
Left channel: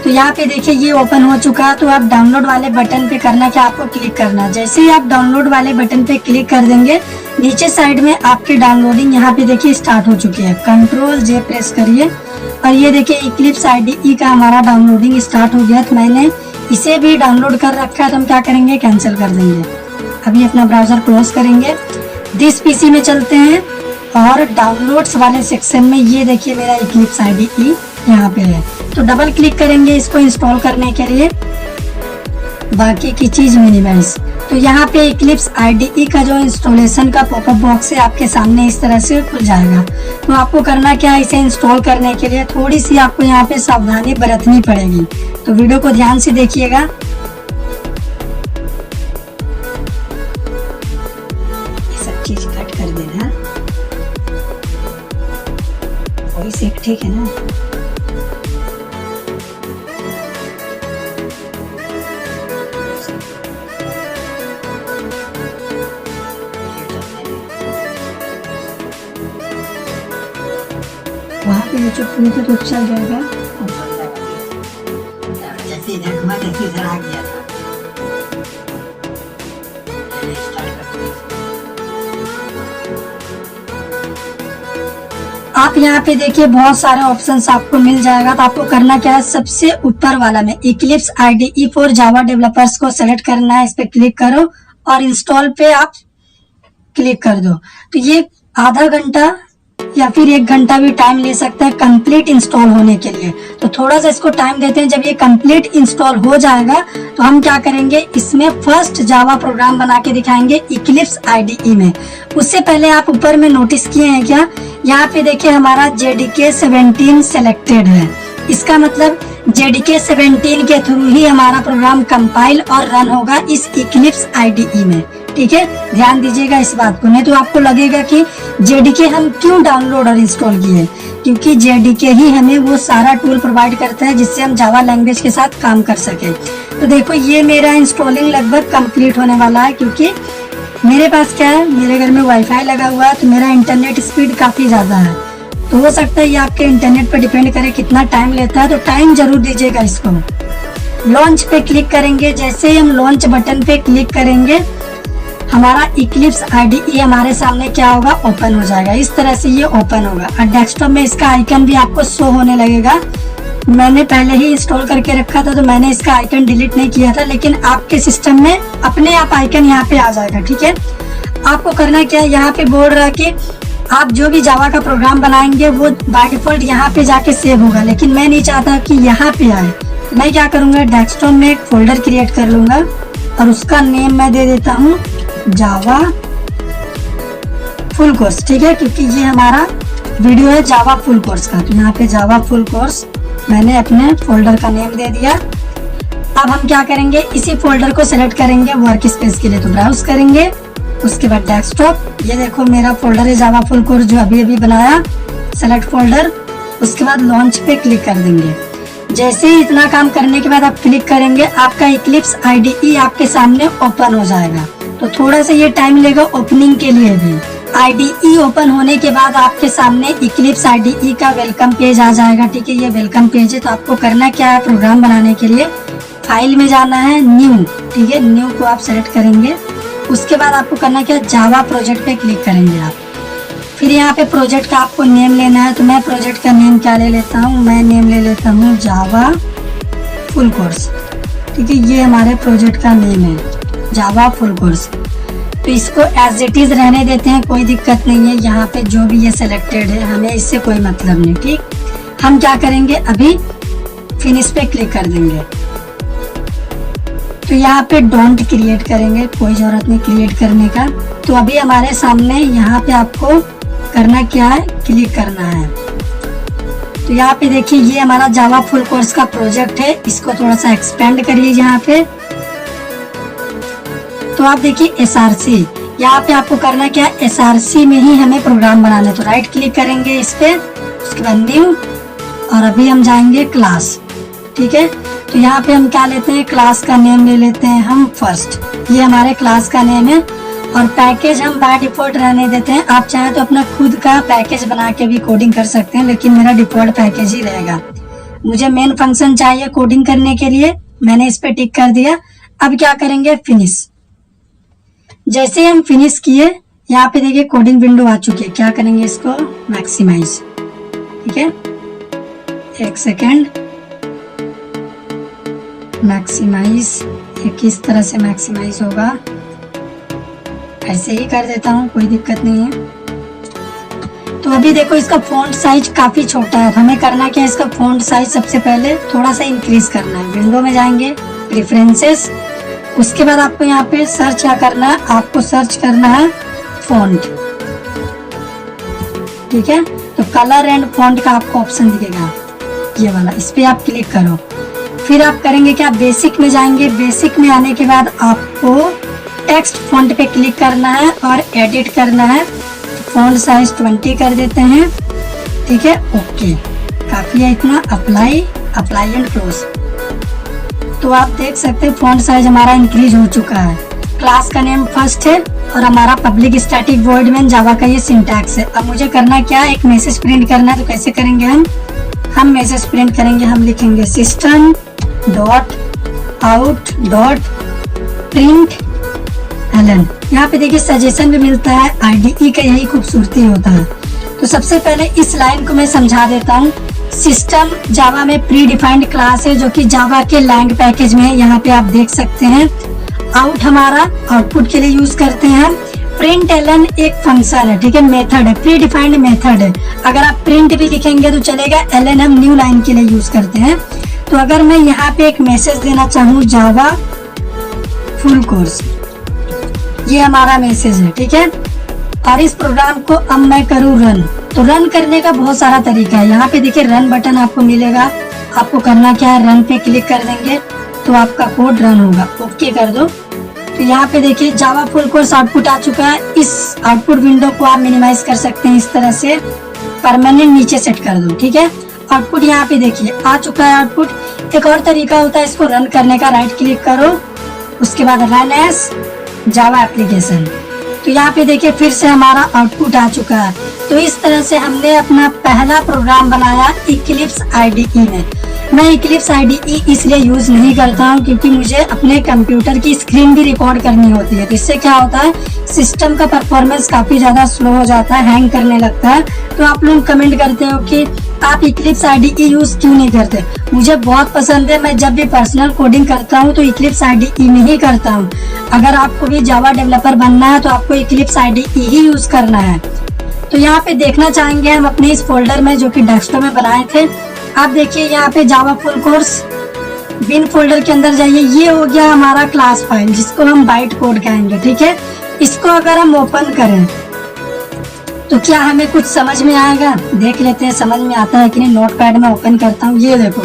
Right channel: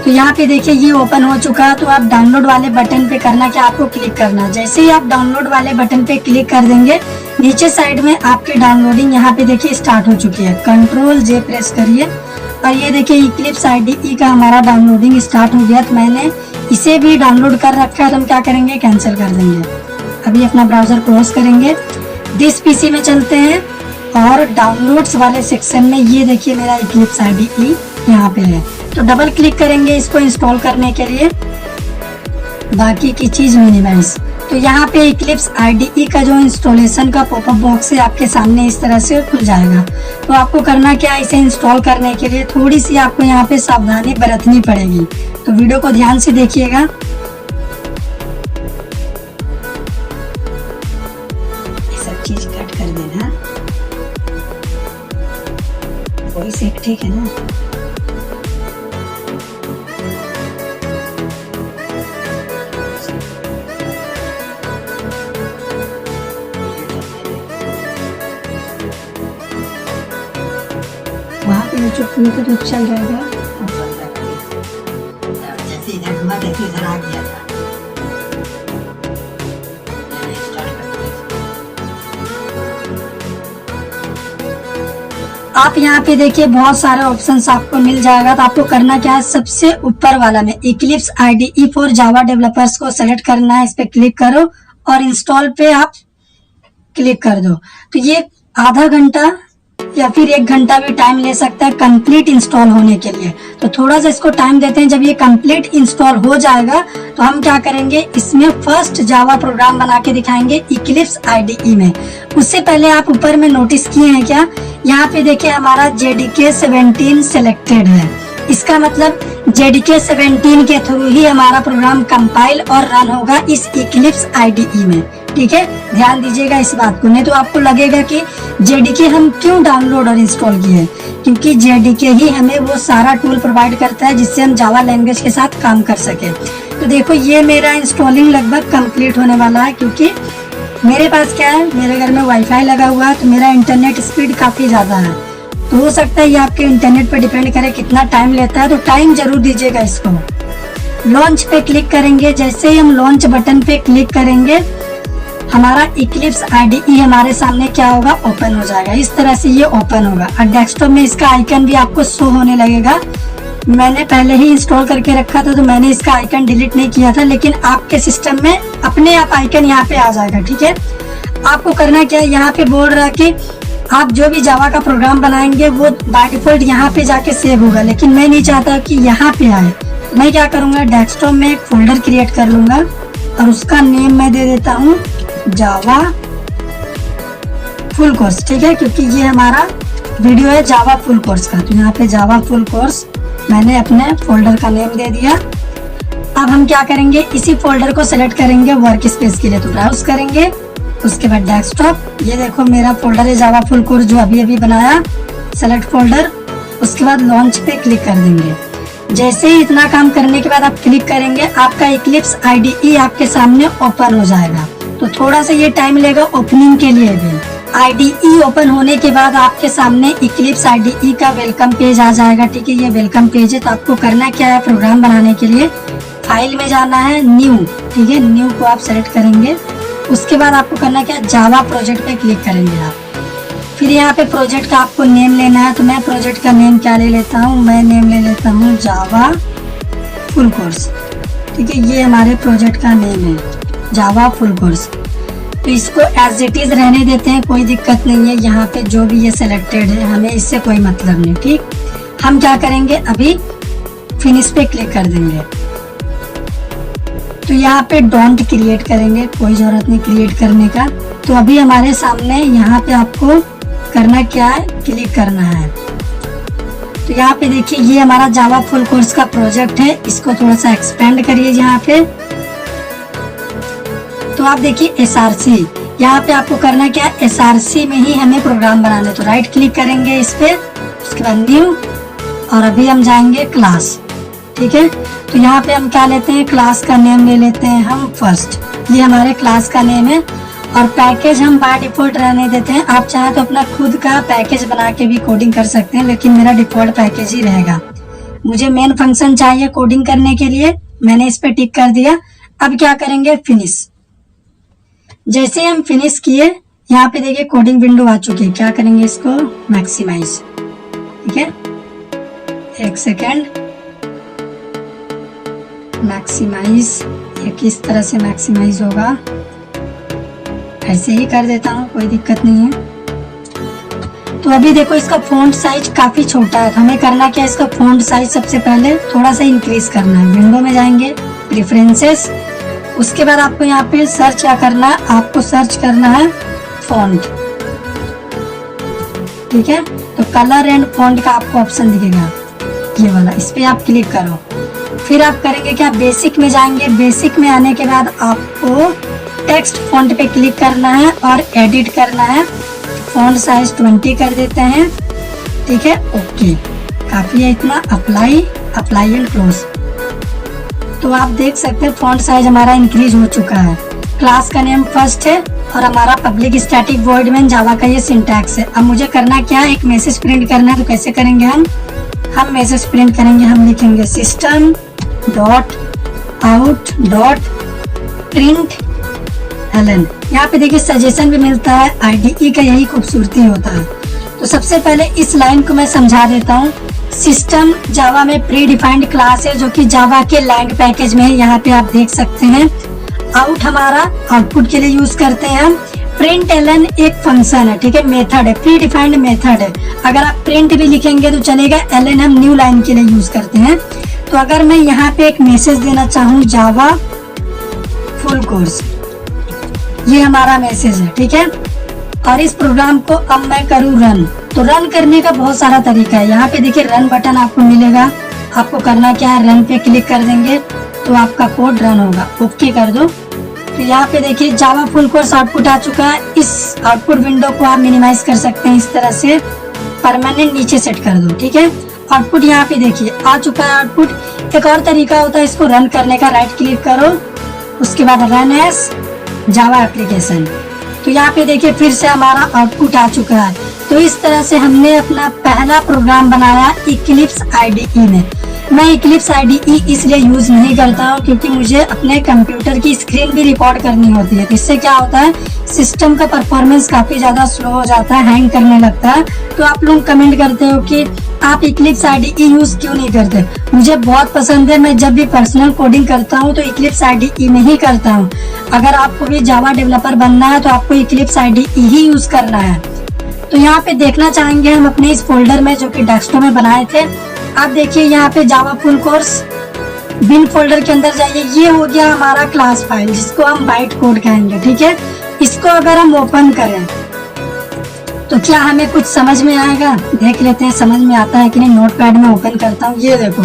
तो यहाँ पे देखिए ये ओपन हो चुका है। तो आप डाउनलोड वाले बटन पे करना क्या, आपको क्लिक करना। जैसे ही आप डाउनलोड वाले बटन पे क्लिक कर देंगे नीचे साइड में आपकी डाउनलोडिंग यहाँ पे देखिए स्टार्ट हो चुकी है। कंट्रोल J प्रेस करिए और ये देखिए इक्लिप्स IDE का हमारा डाउनलोडिंग स्टार्ट हो गया। तो मैंने इसे भी डाउनलोड कर रखा है। तो हम क्या करेंगे, कैंसिल कर देंगे। अभी अपना ब्राउजर क्लोज करेंगे, दिस पीसी में चलते हैं और डाउनलोड्स वाले सेक्शन में ये देखिए मेरा इक्लिप्स IDE यहाँ पे है। तो डबल क्लिक करेंगे इसको इंस्टॉल करने के लिए। बाकी की चीज मिनिमाइज, तो यहाँ पे इक्लिप्स IDE का जो इंस्टॉलेशन का पॉपअप बॉक्स है आपके सामने इस तरह से खुल जाएगा। तो आपको करना क्या है, इसे इंस्टॉल करने के लिए थोड़ी सी आपको यहाँ पे सावधानी बरतनी पड़ेगी। तो वीडियो को ध्यान से देखिएगा। ये सब चीज कट कर देना, वॉइस एक ठीक है ना। तो चल जाएगा। आप यहाँ पे देखिए बहुत सारे ऑप्शंस आपको मिल जाएगा। तो आपको करना क्या है, सबसे ऊपर वाला में Eclipse IDE for Java developers को सेलेक्ट करना है। इस पे क्लिक करो और इंस्टॉल पे आप क्लिक कर दो। तो ये आधा घंटा या फिर 1 घंटा भी टाइम ले सकता है कंप्लीट इंस्टॉल होने के लिए। तो थोड़ा सा इसको टाइम देते हैं। जब ये कंप्लीट इंस्टॉल हो जाएगा तो हम क्या करेंगे, इसमें फर्स्ट जावा प्रोग्राम बना के दिखाएंगे इक्लिप्स IDE में। उससे पहले आप ऊपर में नोटिस किए हैं क्या, यहाँ पे देखिए हमारा JDK 17 सिलेक्टेड है। इसका मतलब JDK 17 के थ्रू ही हमारा प्रोग्राम कंपाइल और रन होगा इस इक्लिप्स IDE में। ठीक है, ध्यान दीजिएगा इस बात को, नहीं तो आपको लगेगा कि JDK हम क्यों डाउनलोड और इंस्टॉल किए, क्योंकि JDK ही हमें वो सारा टूल प्रोवाइड करता है जिससे हम जावा लैंग्वेज के साथ काम कर सके। तो देखो ये मेरा इंस्टॉलिंग लगभग कंप्लीट होने वाला है, क्योंकि मेरे पास क्या है, मेरे घर में वाईफाई लगा हुआ है तो मेरा इंटरनेट स्पीड काफी ज्यादा है। तो हो सकता है ये आपके इंटरनेट पर डिपेंड करे कितना टाइम लेता है, तो टाइम जरूर दीजिएगा इसको। लॉन्च पे क्लिक करेंगे, जैसे ही हम लॉन्च बटन पे क्लिक करेंगे हमारा इक्लिप्स IDE हमारे सामने क्या होगा, ओपन हो जाएगा। इस तरह से ये ओपन होगा और डेस्कटॉप में इसका आइकन भी आपको शो होने लगेगा। मैंने पहले ही इंस्टॉल करके रखा था तो मैंने इसका आइकन डिलीट नहीं किया था, लेकिन आपके सिस्टम में अपने आप आइकन यहाँ पे आ जाएगा। ठीक है, आपको करना क्या है, यहाँ पे बोर्ड रख के आप जो भी जावा का प्रोग्राम बनाएंगे वो बाय डिफॉल्ट यहाँ पे जाके सेव होगा, लेकिन मैं नहीं चाहता कि यहाँ पे आए। तो मैं क्या करूंगा, डेस्कटॉप में एक फोल्डर क्रिएट कर लूंगा और उसका नेम मैं दे देता हूँ जावा फुल कोर्स। ठीक है, क्योंकि ये हमारा वीडियो है जावा फुल कोर्स का, तो यहाँ पे जावा फुल कोर्स मैंने अपने फोल्डर का नेम दे दिया। अब हम क्या करेंगे, इसी फोल्डर को सिलेक्ट करेंगे वर्क स्पेस के लिए, तो ब्राउज करेंगे। उसके बाद डेस्कटॉप, ये देखो मेरा फोल्डर है जावा फुल कोर्स जो अभी अभी बनाया, सेलेक्ट फोल्डर। उसके बाद लॉन्च पे क्लिक कर देंगे। जैसे ही इतना काम करने के बाद आप क्लिक करेंगे, आपका इक्लिप्स IDE आपके सामने ओपन हो जाएगा। तो थोड़ा सा ये टाइम लेगा ओपनिंग के लिए भी। IDE ओपन होने के बाद आपके सामने इक्लिप्स IDE का वेलकम पेज आ जाएगा। ठीक है, ये वेलकम पेज है। तो आपको करना क्या है, प्रोग्राम बनाने के लिए फाइल में जाना है, न्यू। ठीक है, न्यू को आप सेलेक्ट करेंगे। उसके बाद आपको करना क्या, जावा प्रोजेक्ट पे क्लिक करेंगे आप। फिर यहाँ पे प्रोजेक्ट का आपको नेम लेना है। तो मैं प्रोजेक्ट का नेम क्या ले लेता हूँ, मैं नेम ले लेता हूँ जावा फुल कोर्स। ठीक है, ये हमारे प्रोजेक्ट का नेम है जावा फुल कोर्स। तो इसको एज इट इज रहने देते हैं, कोई दिक्कत नहीं है। यहाँ पे जो भी ये सिलेक्टेड है हमें इससे कोई मतलब नहीं। ठीक, हम क्या करेंगे, अभी फिनिश पे क्लिक कर देंगे। तो यहाँ पे डोंट क्रिएट करेंगे, कोई जरूरत नहीं क्रिएट करने का। तो अभी हमारे सामने यहाँ पे आपको करना क्या है, क्लिक करना है। तो यहाँ पे देखिए ये हमारा जावा फुल कोर्स का प्रोजेक्ट है, इसको थोड़ा सा एक्सपेंड करिए यहाँ पे। तो आप देखिए SRC, यहाँ पे आपको करना क्या है, SRC में ही हमें प्रोग्राम बनाना है। तो राइट क्लिक करेंगे इस पे, उसके बाद न्यू, और अभी हम जाएंगे क्लास। ठीक है, तो यहाँ पे हम क्या लेते हैं, क्लास का नेम ले लेते हैं हम फर्स्ट। ये हमारे क्लास का नेम है। और पैकेज हम बाय डिफॉल्ट रहने देते हैं। आप चाहे तो अपना खुद का पैकेज बना के भी कोडिंग कर सकते हैं, लेकिन मेरा डिफॉल्ट पैकेज ही रहेगा। मुझे मेन फंक्शन चाहिए कोडिंग करने के लिए, मैंने इस पे टिक कर दिया। अब क्या करेंगे, फिनिश। जैसे हम फिनिश किए, यहाँ पे देखिए कोडिंग विंडो आ चुकी है। क्या करेंगे, इसको मैक्सिमाइज। ठीक है, एक सेकेंड, मैक्सिमाइज। ये किस तरह से मैक्सिमाइज होगा, ऐसे ही कर देता हूँ, कोई दिक्कत नहीं है। तो अभी देखो इसका फॉन्ट साइज काफी छोटा है। हमें करना क्या है, इसका फॉन्ट साइज सबसे पहले थोड़ा सा इंक्रीज करना है। विंडो में जाएंगे, प्रेफरेंसेस, उसके बाद आपको यहाँ पे सर्च क्या करना है, आपको सर्च करना है फॉन्ट। ठीक है, तो कलर एंड फॉन्ट का आपको ऑप्शन दिखेगा ये वाला, इस पे आप क्लिक करो। फिर आप करेंगे क्या, बेसिक में जाएंगे। बेसिक में आने के बाद आपको टेक्स्ट फॉन्ट पे क्लिक करना है और एडिट करना है। फॉन्ट साइज 20 कर देते हैं। ठीक है, ओके, काफी है इतना। Apply and close. तो आप देख सकते हैं फॉन्ट साइज हमारा इंक्रीज हो चुका है। क्लास का नेम फर्स्ट है और हमारा पब्लिक स्टैटिक वॉइड मेन जावा का ये सिंटैक्स है। अब मुझे करना क्या है, एक मैसेज प्रिंट करना है। तो कैसे करेंगे हम मैसेज प्रिंट करेंगे, हम लिखेंगे system dot out dot println. यहाँ पे देखिए सजेशन भी मिलता है, आईडीई का यही खूबसूरती होता है। तो सबसे पहले इस लाइन को मैं समझा देता हूँ। सिस्टम जावा में प्री डिफाइंड क्लास है जो कि जावा के लैंड पैकेज में है। यहाँ पे आप देख सकते हैं। आउट हमारा आउटपुट के लिए यूज करते हैं। प्रिंट एलन एक फंक्शन है, ठीक है, मेथड है, प्री डिफाइंड मेथड है। अगर आप प्रिंट भी लिखेंगे तो चलेगा, एलन हम न्यू लाइन के लिए यूज करते हैं। तो अगर मैं यहाँ पे एक मैसेज देना चाहूँ जावा फुल कोर्स, ये हमारा मैसेज है। ठीक है, और इस प्रोग्राम को अब मैं करूँ रन। तो रन करने का बहुत सारा तरीका है। यहाँ पे देखिए रन बटन आपको मिलेगा। आपको करना क्या है, रन पे क्लिक कर देंगे तो आपका कोड रन होगा। ओके कर दो। तो यहाँ पे देखिए जावा फुल कोर्स आउटपुट आ चुका है। इस आउटपुट विंडो को आप मिनिमाइज कर सकते हैं, इस तरह से परमानेंट नीचे सेट कर दो। ठीक है, आउटपुट यहाँ पे देखिए आ चुका है आउटपुट। एक और तरीका होता है इसको रन करने का, राइट क्लिक करो, उसके बाद रन एज जावा एप्लीकेशन। तो यहाँ पे देखिए फिर से हमारा आउटपुट आ चुका है। तो इस तरह से हमने अपना पहला प्रोग्राम बनाया इक्लिप्स आईडीई में। मैं इक्लिप्स आईडीई इसलिए यूज नहीं करता हूँ क्योंकि मुझे अपने कंप्यूटर की स्क्रीन भी रिकॉर्ड करनी होती है। इससे क्या होता है, सिस्टम का परफॉर्मेंस काफी ज्यादा स्लो हो जाता है, हैंग करने लगता है। तो आप लोग कमेंट करते हो कि आप इक्लिप्स आईडीई यूज क्यों नहीं करते। मुझे बहुत पसंद है, मैं जब भी पर्सनल कोडिंग करता हूँ तो इक्लिप्स आईडीई में ही करता हूँ। अगर आपको भी जावा डेवलपर बनना है तो आपको इक्लिप्स आईडीई ही यूज करना है। तो यहाँ पे देखना चाहेंगे हम अपने इस फोल्डर में जो कि डेस्कटॉप में बनाए थे। आप देखिए यहाँ पे Java full course bin folder के अंदर जाइए। ये हो गया हमारा क्लास फाइल जिसको हम बाइट कोड कहेंगे। ठीक है, इसको अगर हम ओपन करें तो क्या हमें कुछ समझ में आएगा, देख लेते हैं समझ में आता है कि नहीं। नोटपैड में ओपन करता हूँ। ये देखो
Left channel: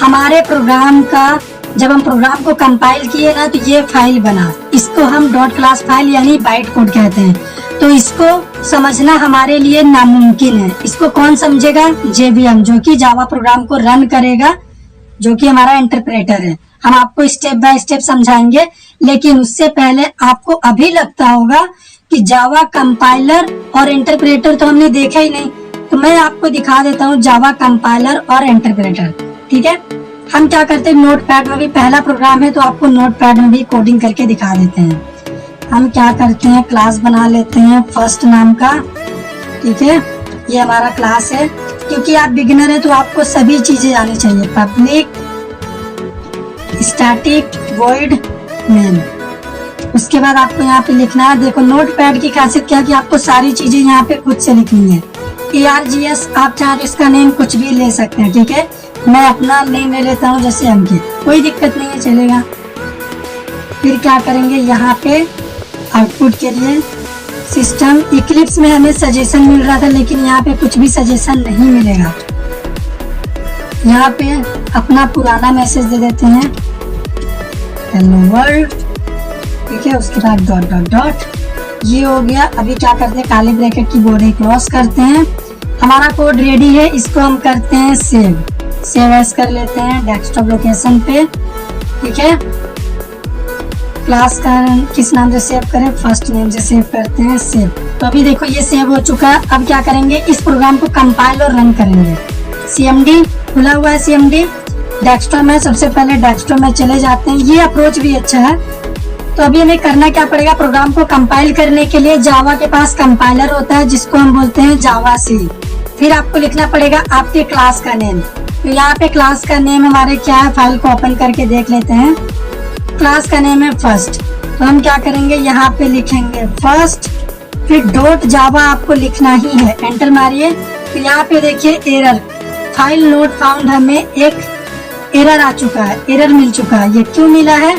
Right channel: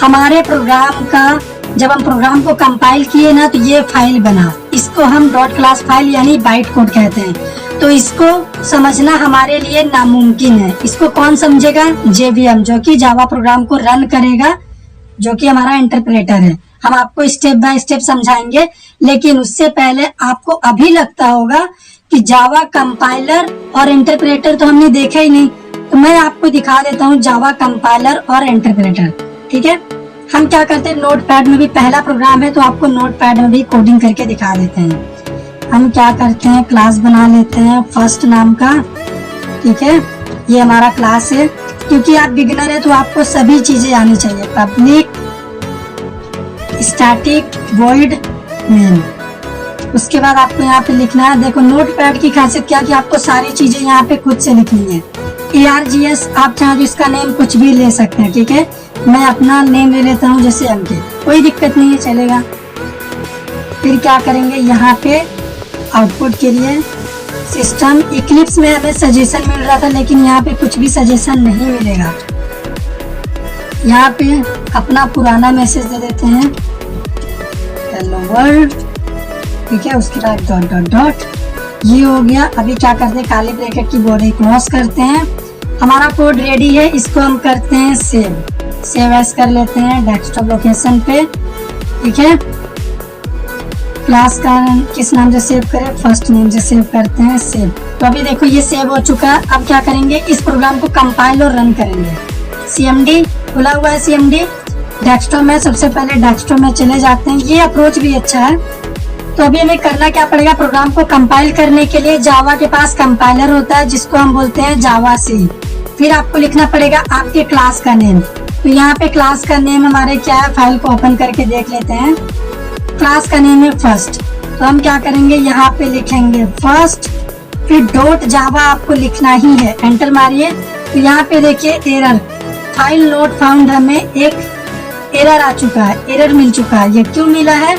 हमारे प्रोग्राम का, जब हम प्रोग्राम को कंपाइल किए ना तो ये फाइल बना। इसको हम डॉट क्लास फाइल यानी बाइट कोड कहते हैं। तो इसको समझना हमारे लिए नामुमकिन है। इसको कौन समझेगा, जेवीएम जो कि जावा प्रोग्राम को रन करेगा, जो कि हमारा इंटरप्रेटर है। हम आपको स्टेप बाय स्टेप समझाएंगे, लेकिन उससे पहले आपको अभी लगता होगा कि जावा कंपाइलर और इंटरप्रेटर तो हमने देखा ही नहीं। तो मैं आपको दिखा देता हूँ जावा कंपाइलर और इंटरप्रेटर। ठीक है, हम क्या करते हैं, नोटपैड में भी पहला प्रोग्राम है तो आपको नोटपैड में भी कोडिंग करके दिखा देते हैं। हम क्या करते हैं, क्लास बना लेते हैं फर्स्ट नाम का। ठीक है, ये हमारा क्लास है। क्योंकि आप बिगिनर है तो आपको सभी चीजें आनी चाहिए, पब्लिक स्टैटिक वॉइड मेन। उसके बाद आपको यहाँ पे लिखना है। देखो नोटपैड की खासियत क्या कि आपको सारी चीजें यहाँ पे खुद से लिखनी है। ARGS आप चाहे तो इसका नेम कुछ भी ले सकते हैं। ठीक है, मैं अपना नेम ले लेता हूँ जैसे अंकित, कोई दिक्कत नहीं है, चलेगा। फिर क्या करेंगे, यहाँ पे आउटपुट के लिए सिस्टम इक्लिप्स में हमें सजेशन मिल रहा था, लेकिन यहाँ पे कुछ भी सजेशन नहीं मिलेगा। यहाँ पे अपना पुराना मैसेज दे देते हैं, हेलो वर्ल्ड। ठीक है, उसके बाद डॉट डॉट डॉट, ये हो गया। अभी क्या करते हैं, काली ब्रैकेट की बॉर्डर क्रॉस करते हैं। हमारा कोड रेडी है, इसको हम करते हैं सेव एज कर लेते हैं डेस्कटॉप लोकेशन पे। ठीक है, क्लास का किस नाम से सेव करें, फर्स्ट नेम से सेव करते हैं, सेव। तो अभी देखो ये सेव हो चुका है। अब क्या करेंगे, इस प्रोग्राम को कंपाइल और रन करेंगे। CMD खुला हुआ है, CMD डेस्कटॉप में। सबसे पहले डेस्कटॉप में चले जाते हैं, ये अप्रोच भी अच्छा है। तो अभी हमें करना क्या पड़ेगा, प्रोग्राम को कंपाइल करने के लिए जावा के पास कंपाइलर होता है जिसको हम बोलते हैं जावा सी। फिर आपको लिखना पड़ेगा आपके क्लास का नेम। तो यहाँ पे क्लास का नेम हमारे क्या है, फाइल को ओपन करके देख लेते हैं। क्लास का नेम है फर्स्ट। तो हम क्या करेंगे, यहाँ पे लिखेंगे फर्स्ट, फिर डॉट जावा आपको लिखना ही है, एंटर मारिए। तो यहाँ पे देखिए एरर, फाइल नोट फाउंड, हमें एक एरर आ चुका है, एरर मिल चुका है। ये क्यों मिला है,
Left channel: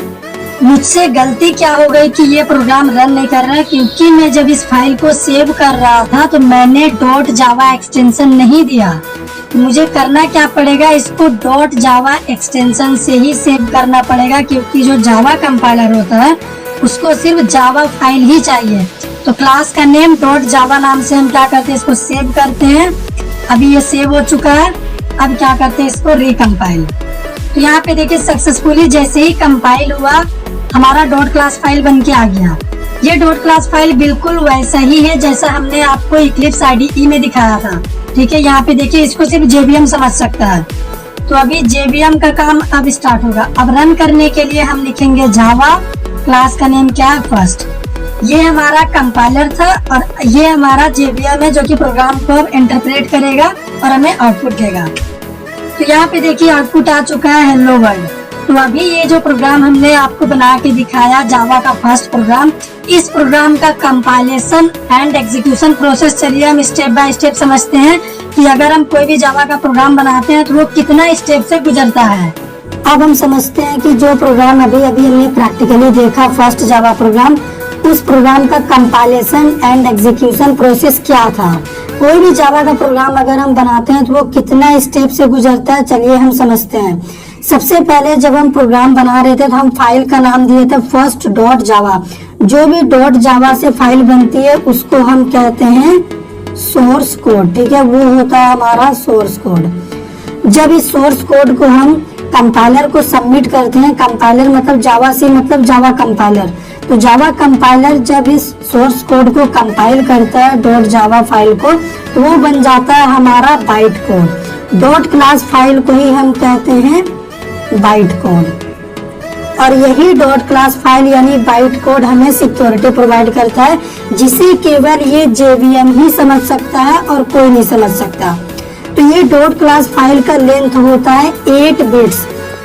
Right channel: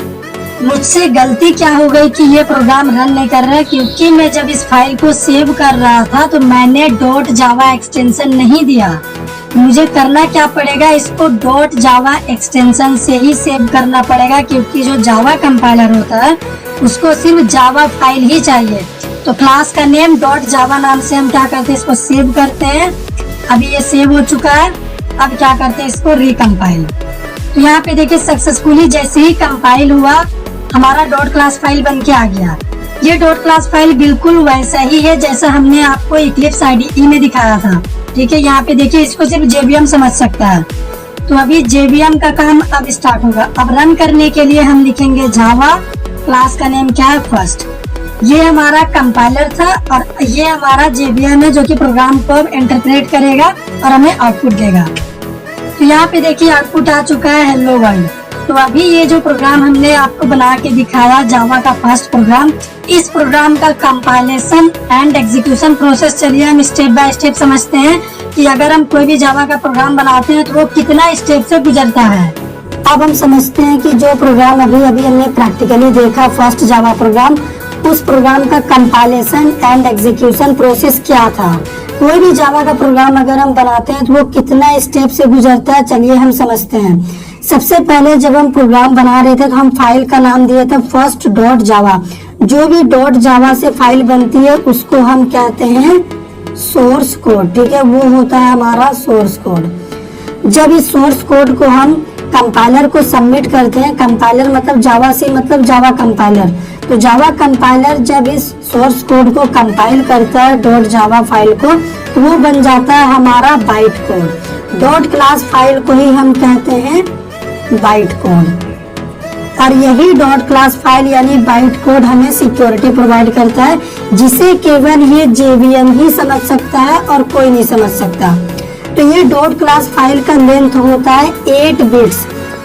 मुझसे गलती क्या हो गई कि ये प्रोग्राम रन नहीं कर रहा है, क्योंकि मैं जब इस फाइल को सेव कर रहा था तो मैंने डॉट जावा एक्सटेंशन नहीं दिया। मुझे करना क्या पड़ेगा, इसको डॉट जावा एक्सटेंशन से ही सेव करना पड़ेगा, क्योंकि जो जावा कंपाइलर होता है उसको सिर्फ जावा फाइल ही चाहिए। तो क्लास का नेम डॉट जावा नाम से हम क्या करते हैं, इसको सेव करते हैं। अभी ये सेव हो चुका है। अब क्या करते हैं, इसको रिकम्पाइल। तो यहाँ पे देखिए सक्सेसफुली जैसे ही कंपाइल हुआ हमारा डॉट क्लास फाइल बन के आ गया। ये डॉट क्लास फाइल बिल्कुल वैसा ही है जैसा हमने आपको इक्लिप्स IDE में दिखाया था। ठीक है, यहाँ पे देखिए इसको सिर्फ JVM समझ सकता है। तो अभी JVM का काम अब स्टार्ट होगा। अब रन करने के लिए हम लिखेंगे जावा, क्लास का नेम क्या है, फर्स्ट। ये हमारा कंपाइलर था और ये हमारा JVM है जो कि प्रोग्राम को अब इंटरप्रेट करेगा और हमें आउटपुट देगा। तो यहाँ पे देखिए आउटपुट आ चुका है हेलो वर्ल्ड। तो अभी ये जो प्रोग्राम हमने आपको बना के दिखाया जावा का फर्स्ट प्रोग्राम, इस प्रोग्राम का कंपाइलेशन एंड एग्जीक्यूशन प्रोसेस चलिए हम स्टेप बाय स्टेप समझते हैं कि अगर हम कोई भी जावा का प्रोग्राम बनाते हैं तो वो कितना स्टेप से गुजरता है। अब हम समझते हैं कि जो प्रोग्राम अभी हमने प्रैक्टिकली देखा फर्स्ट जावा प्रोग्राम, उस प्रोग्राम का कंपाइलेशन एंड एग्जीक्यूशन प्रोसेस क्या था। कोई भी जावा का प्रोग्राम अगर हम बनाते हैं तो वो कितना स्टेप से गुजरता है, चलिए हम समझते हैं। सबसे पहले जब हम प्रोग्राम बना रहे थे तो हम फाइल का नाम दिया था फर्स्ट डॉट जावा। जो भी डॉट जावा से फाइल बनती है उसको हम कहते हैं सोर्स कोड। ठीक है, वो होता है हमारा सोर्स कोड। जब इस सोर्स कोड को हम कंपाइलर को सबमिट करते हैं, कंपाइलर मतलब जावा से मतलब जावा कंपाइलर, तो जावा कंपाइलर जब इस सोर्स कोड को कंपाइल करता है डॉट जावा फाइल को, तो वो बन जाता है हमारा byte code. Dot class file को ही हम कहते हैं बाइट कोड। और यही डॉट क्लास फाइल यानी बाइट कोड हमें सिक्योरिटी प्रोवाइड करता है, जिसे केवल ये JVM ही समझ सकता है और कोई नहीं समझ सकता। तो ये डॉट क्लास फाइल का लेंथ होता है 8 बिट्स।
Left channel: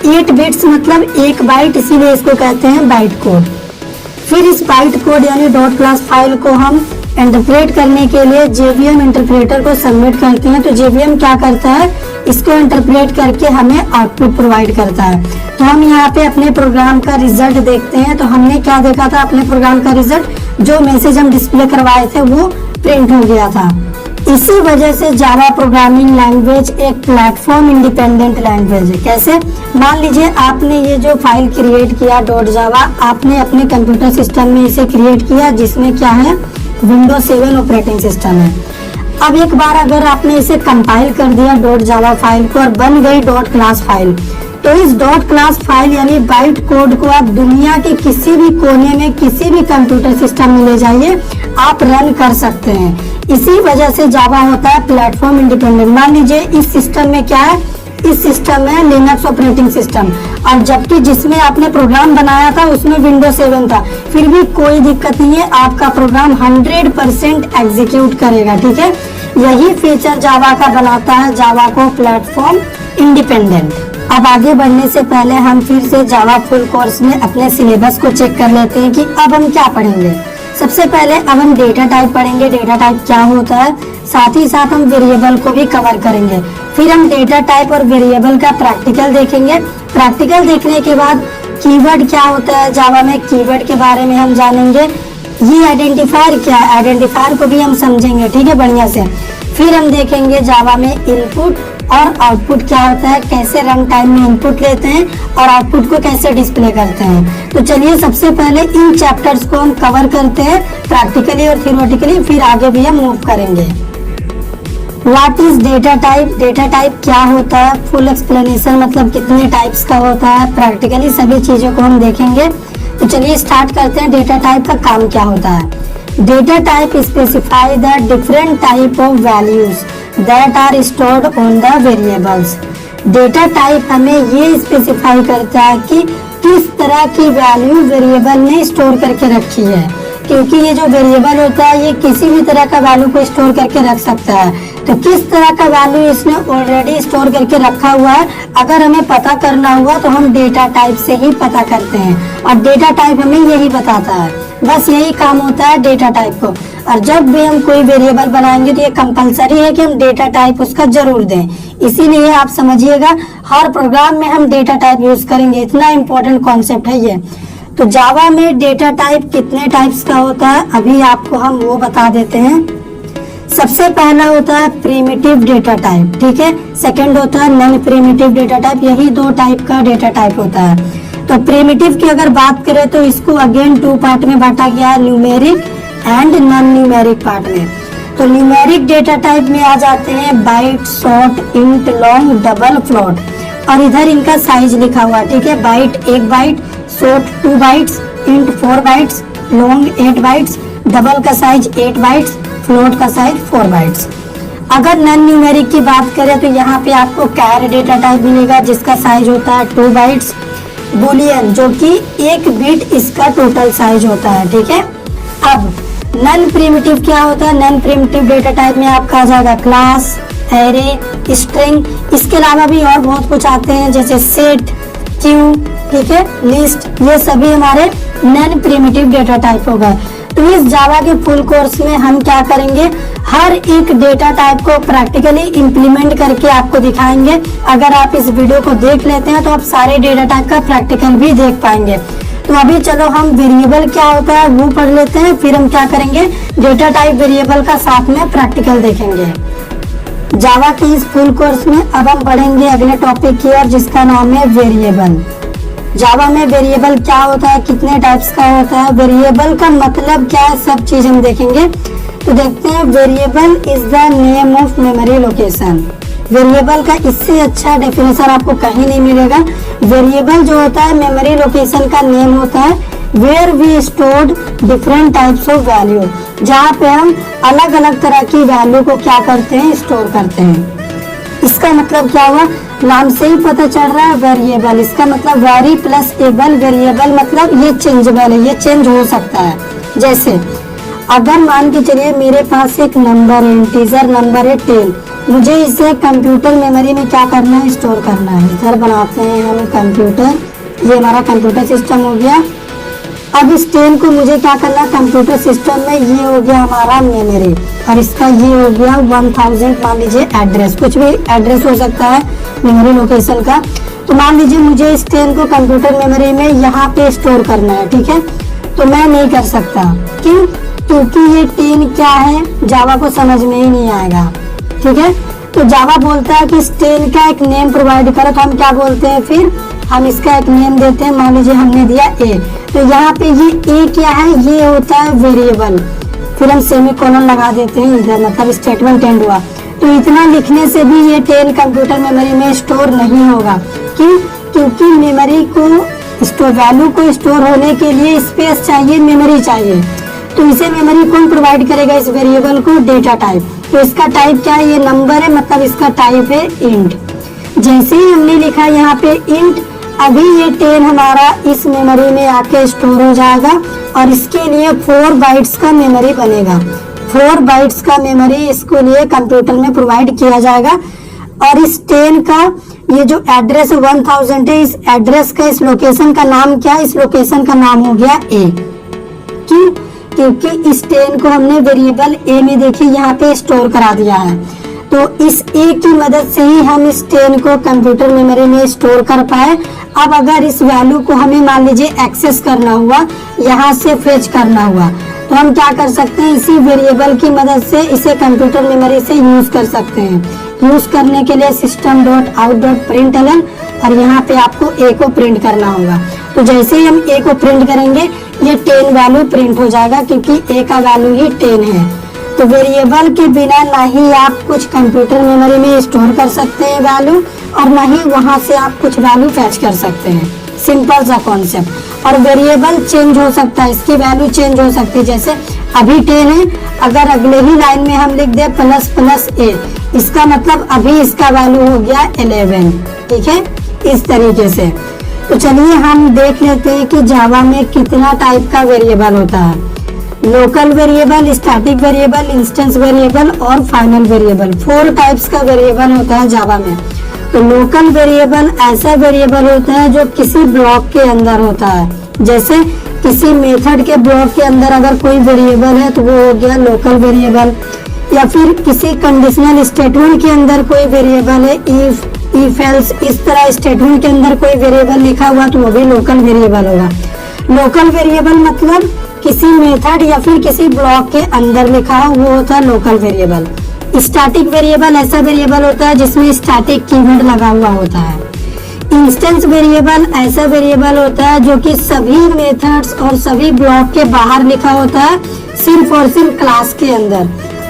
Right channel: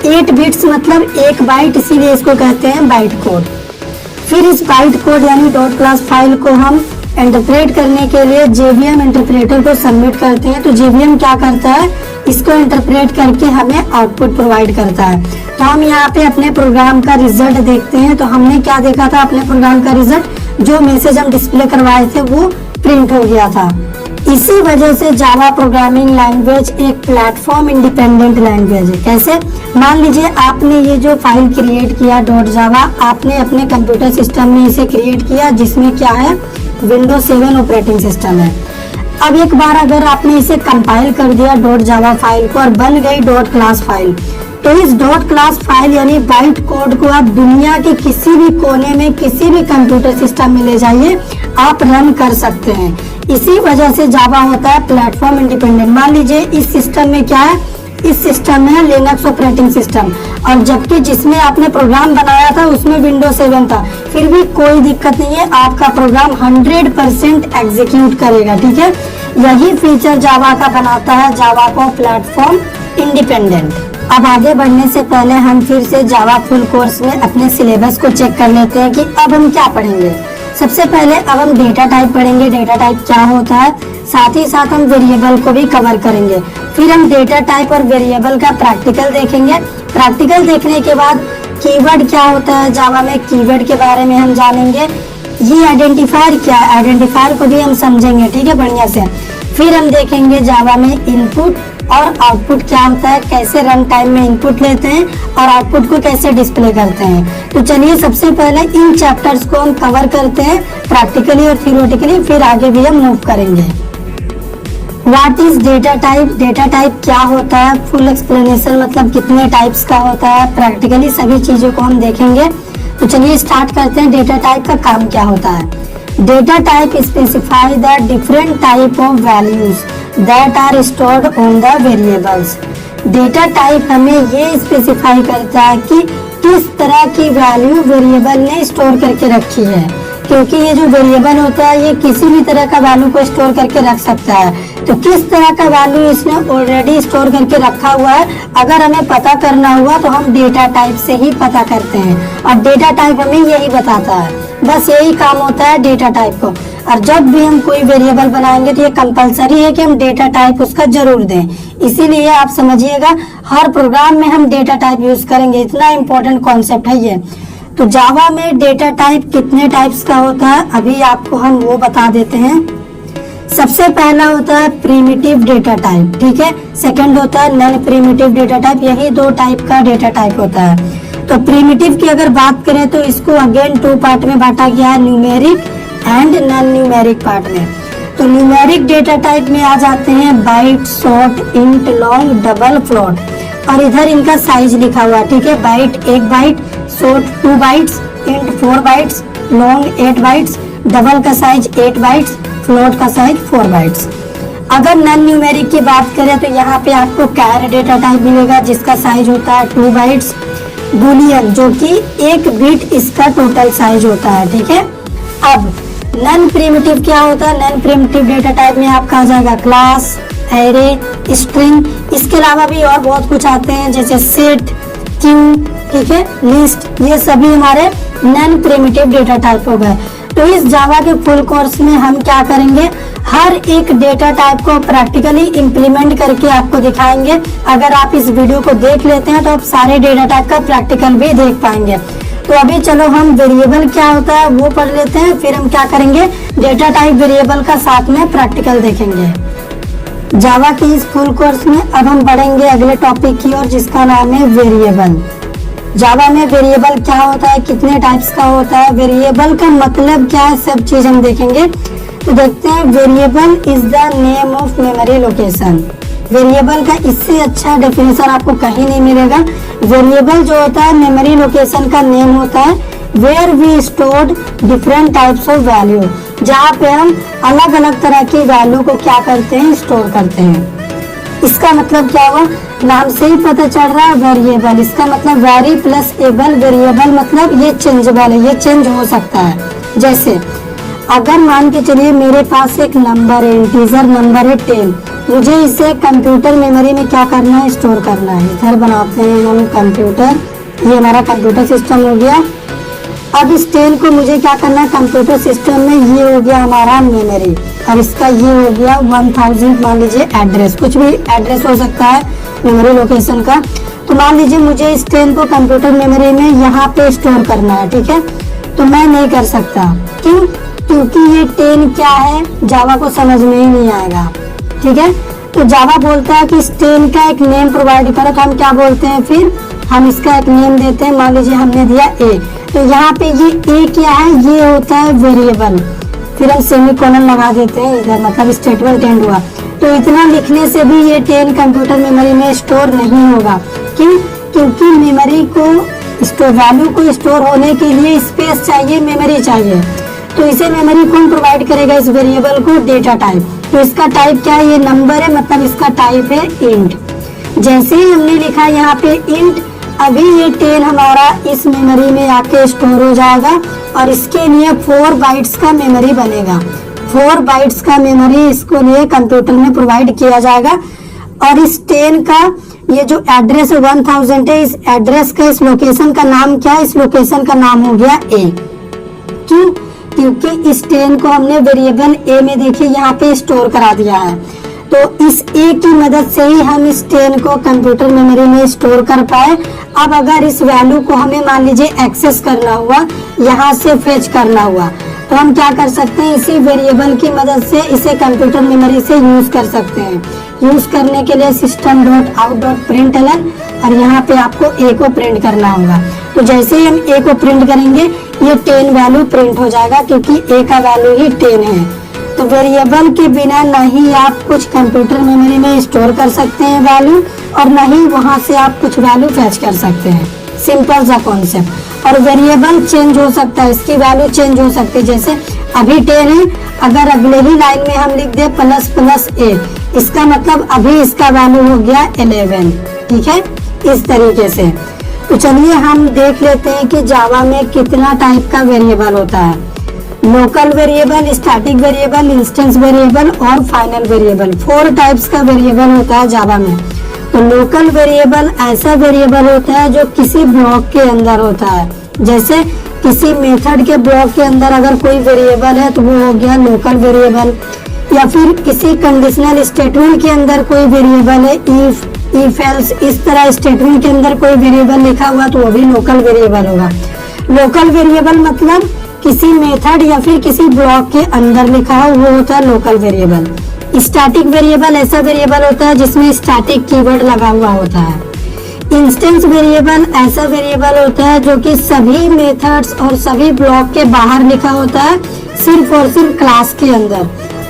8 बिट्स मतलब 1 बाइट, इसीलिए इसको कहते हैं बाइट कोड। फिर इस बाइट कोड यानी डॉट क्लास फाइल को हम इंटरप्रेट करने के लिए JVM इंटरप्रेटर को सबमिट करते हैं। तो JVM क्या करता है, इसको इंटरप्रेट करके हमें आउटपुट प्रोवाइड करता है। तो हम यहाँ पे अपने प्रोग्राम का रिजल्ट देखते हैं। तो हमने क्या देखा था, अपने प्रोग्राम का रिजल्ट, जो मैसेज हम डिस्प्ले करवाए थे वो प्रिंट हो गया था। इसी वजह से जावा प्रोग्रामिंग लैंग्वेज एक प्लेटफॉर्म इंडिपेंडेंट लैंग्वेज है। कैसे, मान लीजिए आपने ये जो फाइल क्रिएट किया डॉट जावा, आपने अपने कंप्यूटर सिस्टम में इसे क्रिएट किया, जिसमें क्या है, विंडोज 7 ऑपरेटिंग सिस्टम है। अब एक बार अगर आपने इसे कंपाइल कर दिया डॉट जावा फाइल को और बन गई डॉट क्लास फाइल, तो इस डॉट क्लास फाइल यानी बाइट कोड को आप दुनिया के किसी भी कोने में किसी भी कंप्यूटर सिस्टम में ले जाइए, आप रन कर सकते हैं। इसी वजह से जावा होता है प्लेटफॉर्म इंडिपेंडेंट। मान लीजिए इस सिस्टम में क्या है, इस सिस्टम में लिनक्स ऑपरेटिंग सिस्टम, और जबकि जिसमें आपने प्रोग्राम बनाया था उसमें विंडोज 7 था, फिर भी कोई दिक्कत नहीं है, आपका प्रोग्राम 100% एग्जीक्यूट करेगा। ठीक है, यही फीचर जावा का बनाता है जावा को प्लेटफॉर्म इंडिपेंडेंट। अब आगे बढ़ने से पहले हम फिर से जावा फुल कोर्स में अपने सिलेबस को चेक कर लेते हैं कि अब हम क्या पढ़ेंगे। सबसे पहले अब हम डेटा टाइप पढ़ेंगे, डेटा टाइप क्या होता है, साथ ही साथ हम वेरिएबल को भी कवर करेंगे। फिर हम डेटा टाइप और वेरिएबल का प्रैक्टिकल देखेंगे। प्रैक्टिकल देखने के बाद कीवर्ड क्या होता है जावा में, कीवर्ड के बारे में हम जानेंगे। ये आइडेंटिफायर क्या है, आइडेंटिफायर को भी हम समझेंगे। ठीक है, बढ़िया से। फिर हम देखेंगे जावा में इनपुट और आउटपुट क्या होता है, कैसे रन टाइम में इनपुट लेते हैं और आउटपुट को कैसे डिस्प्ले करते हैं। तो चलिए सबसे पहले इन चैप्टर्स को हम कवर करते हैं प्रैक्टिकली और थियोरेटिकली, फिर आगे भी हम मूव करेंगे। What is data type, data type क्या होता है, फुल एक्सप्लेनेशन मतलब कितने टाइप्स का होता है, प्रैक्टिकली सभी चीजों को हम देखेंगे। तो चलिए स्टार्ट करते हैं, डेटा टाइप का काम क्या होता है। Data type specify the different type of values that are stored on the variables। Data type हमें ये स्पेसिफाई करता है कि किस तरह की वैल्यू वेरिएबल ने स्टोर करके रखी है, क्योंकि ये जो वेरिएबल होता है ये किसी भी तरह का वैल्यू को स्टोर करके रख सकता है। तो किस तरह का वैल्यू इसने ऑलरेडी स्टोर करके रखा हुआ है, अगर हमें पता करना हुआ तो हम डेटा टाइप से ही पता करते हैं, और डेटा टाइप हमें यही बताता है। बस यही काम होता है डेटा टाइप को। और जब भी हम कोई वेरिएबल बनाएंगे तो ये कंपलसरी है कि हम डेटा टाइप उसका जरूर दें। इसीलिए आप समझिएगा हर प्रोग्राम में हम डेटा टाइप यूज करेंगे, इतना इम्पोर्टेंट कॉन्सेप्ट है ये। तो जावा में डेटा टाइप कितने टाइप्स का होता है अभी आपको हम वो बता देते हैं। सबसे पहला होता है प्रिमिटिव डेटा टाइप, ठीक है। सेकंड होता है नॉन प्रिमिटिव डेटा टाइप। यही दो टाइप का डेटा टाइप होता है। तो प्रिमिटिव की अगर बात करें तो इसको अगेन 2 पार्ट में बांटा गया है, numeric and non numeric part में। तो न्यूमेरिक डेटा टाइप में आ जाते हैं byte, short, int, long, double, float, और इधर इनका साइज लिखा हुआ है, ठीक है। Byte 1 byte, short 2 bytes, int 4 bytes, long 8 bytes, double का साइज 8 बाइट्स, फ्लोट का साइज 4 बाइट्स। अगर नॉन न्यूमेरिक की बात करें तो यहाँ पे आपको कैर डेटा टाइप मिलेगा जिसका साइज होता है 2 बाइट्स, बुलियन जो कि 1 बिट इसका टोटल साइज होता है, ठीक है। अब नॉन प्रिमिटिव क्या होता है? नॉन प्रिमिटिव डेटा टाइप में आपका आ जाएगा क्लास, एरे, स्ट्रिंग, इसके अलावा भी और बहुत कुछ आते हैं जैसे सेट, क्यू, ठीक है, लिस्ट, ये सभी हमारे नॉन प्रिमिटिव डेटा टाइप हो गए। तो इस जावा के फुल कोर्स में हम क्या करेंगे, हर एक डेटा टाइप को प्रैक्टिकली इम्प्लीमेंट करके आपको दिखाएंगे। अगर आप इस वीडियो को देख लेते हैं तो आप सारे डेटा टाइप का प्रैक्टिकल भी देख पाएंगे। तो अभी चलो हम वेरिएबल क्या होता है वो पढ़ लेते हैं, फिर हम क्या करेंगे डेटा टाइप वेरिएबल का साथ में प्रैक्टिकल देखेंगे। जावा के इस फुल कोर्स में अब हम बढ़ेंगे अगले टॉपिक की ओर जिसका नाम है वेरिएबल। जावा में वेरिएबल क्या होता है, कितने टाइप्स का होता है, वेरिएबल का मतलब क्या है, सब चीज हम देखेंगे। तो देखते हैं, variable is the name of memory location. Variable का इससे अच्छा डेफिनेशन आपको कहीं नहीं मिलेगा। वेरिएबल जो होता है मेमोरी लोकेशन का नेम होता है where we stored different types of value, जहाँ पे हम अलग अलग तरह की वैल्यू को क्या करते हैं, स्टोर करते हैं। इसका मतलब क्या हुआ, नाम से ही पता चल रहा है वेरिएबल, इसका मतलब वेरी प्लस एबल। वेरिएबल मतलब ये चेंजेबल है, ये चेंज हो सकता है। जैसे अगर मान के चलिए मेरे पास एक नंबर है, इंटीजर नंबर है 10, मुझे इसे कंप्यूटर मेमोरी में क्या करना है, स्टोर करना है। इधर बनाते हैं हम कंप्यूटर, ये हमारा कंप्यूटर सिस्टम हो गया। अब इस 10 को मुझे क्या करना है कंप्यूटर सिस्टम में, ये हो गया हमारा मेमोरी, और इसका ये हो गया 1000 मान लीजिए एड्रेस, कुछ भी एड्रेस हो सकता है मेमोरी लोकेशन का। तो मान लीजिए मुझे इस 10 को कंप्यूटर मेमोरी में यहाँ पे स्टोर करना है, ठीक है। तो मैं नहीं कर सकता, क्यों? क्योंकि ये 10 क्या है जावा को समझ में ही नहीं आएगा, ठीक है। तो जावा बोलता है कि इस 10 का एक नेम प्रोवाइड करो। तो हम क्या बोलते हैं, फिर हम इसका एक नेम देते हैं। मान लीजिए हमने दिया ए, तो यहाँ पे ये ए क्या है, ये होता है वेरिएबल। फिर हम सेमीकोलन लगा देते हैं इधर, मतलब स्टेटमेंट एंड हुआ। तो इतना लिखने से भी ये 10 कंप्यूटर मेमोरी में स्टोर नहीं होगा। क्यों? क्योंकि मेमोरी को स्टोर, वैल्यू को स्टोर होने के लिए स्पेस चाहिए, मेमोरी चाहिए। तो इसे मेमोरी कौन प्रोवाइड करेगा, इस वेरिएबल को? Data type. तो इसका टाइप क्या है, ये नंबर है, मतलब इसका टाइप है इंट। जैसे ही हमने लिखा यहाँ पे इंट, अभी ये 10 हमारा इस मेमोरी में आके स्टोर हो जाएगा, और इसके लिए 4 बाइट्स का मेमोरी बनेगा। 4 बाइट्स का मेमोरी इसको लिए कंप्यूटर में प्रोवाइड किया जाएगा। और इस 10 का ये जो एड्रेस 1000 है, इस एड्रेस का, इस लोकेशन का नाम क्या है, इस लोकेशन का नाम हो गया ए। क्यों? क्योंकि इस 10 को हमने वेरिएबल ए में देखिए यहाँ पे स्टोर करा दिया है। तो इस ए की मदद से ही हम इस 10 को कंप्यूटर मेमोरी में स्टोर कर पाए। अब अगर इस वैल्यू को हमें मान लीजिए एक्सेस करना हुआ, यहाँ से फेच करना हुआ, तो हम क्या कर सकते हैं, इसी वेरिएबल की मदद से इसे कंप्यूटर मेमोरी से यूज कर सकते हैं। यूज करने के लिए system.out.println, और यहाँ पे आपको ए को प्रिंट करना होगा। तो जैसे ही हम ए को प्रिंट करेंगे, ये 10 वैल्यू प्रिंट हो जाएगा, क्योंकि ए का वैल्यू ही 10 है। तो वेरिएबल के बिना ना ही आप कुछ कंप्यूटर मेमोरी में स्टोर कर सकते हैं वैल्यू, और ना ही वहां से आप कुछ वैल्यू फैच कर सकते हैं। सिंपल सा कॉन्सेप्ट। और वेरिएबल चेंज हो सकता है, इसकी वैल्यू चेंज हो सकती है। जैसे अभी 10 है, अगर अगले ही लाइन में हम लिख दे ++a, इसका मतलब अभी इसका वैल्यू हो गया 11, ठीक है, इस तरीके से। तो चलिए हम देख लेते हैं कि जावा में कितना टाइप का वेरिएबल होता है। Local variable, static variable, instance variable और फाइनल वेरिएबल, 4 टाइप्स का वेरिएबल होता है जावा में। तो लोकल वेरिएबल ऐसा वेरिएबल होता है जो किसी ब्लॉक के अंदर होता है। जैसे किसी मेथड के ब्लॉक के अंदर अगर कोई वेरिएबल है तो वो हो गया लोकल वेरिएबल। या फिर किसी कंडीशनल स्टेटमेंट के अंदर कोई वेरिएबल है, इफ एल्स, इस तरह स्टेटमेंट के अंदर कोई वेरिएबल लिखा हुआ तो वो भी लोकल वेरिएबल होगा। लोकल वेरिएबल मतलब किसी मेथड या फिर किसी ब्लॉक के अंदर लिखा हो, वो होता है लोकल वेरिएबल। स्टैटिक वेरिएबल ऐसा वेरिएबल होता है जिसमें स्टैटिक कीवर्ड लगा हुआ होता है। इंस्टेंस वेरिएबल ऐसा वेरिएबल होता है जो कि सभी मेथड्स और सभी ब्लॉक के बाहर लिखा होता है, सिर्फ और सिर्फ क्लास के अंदर।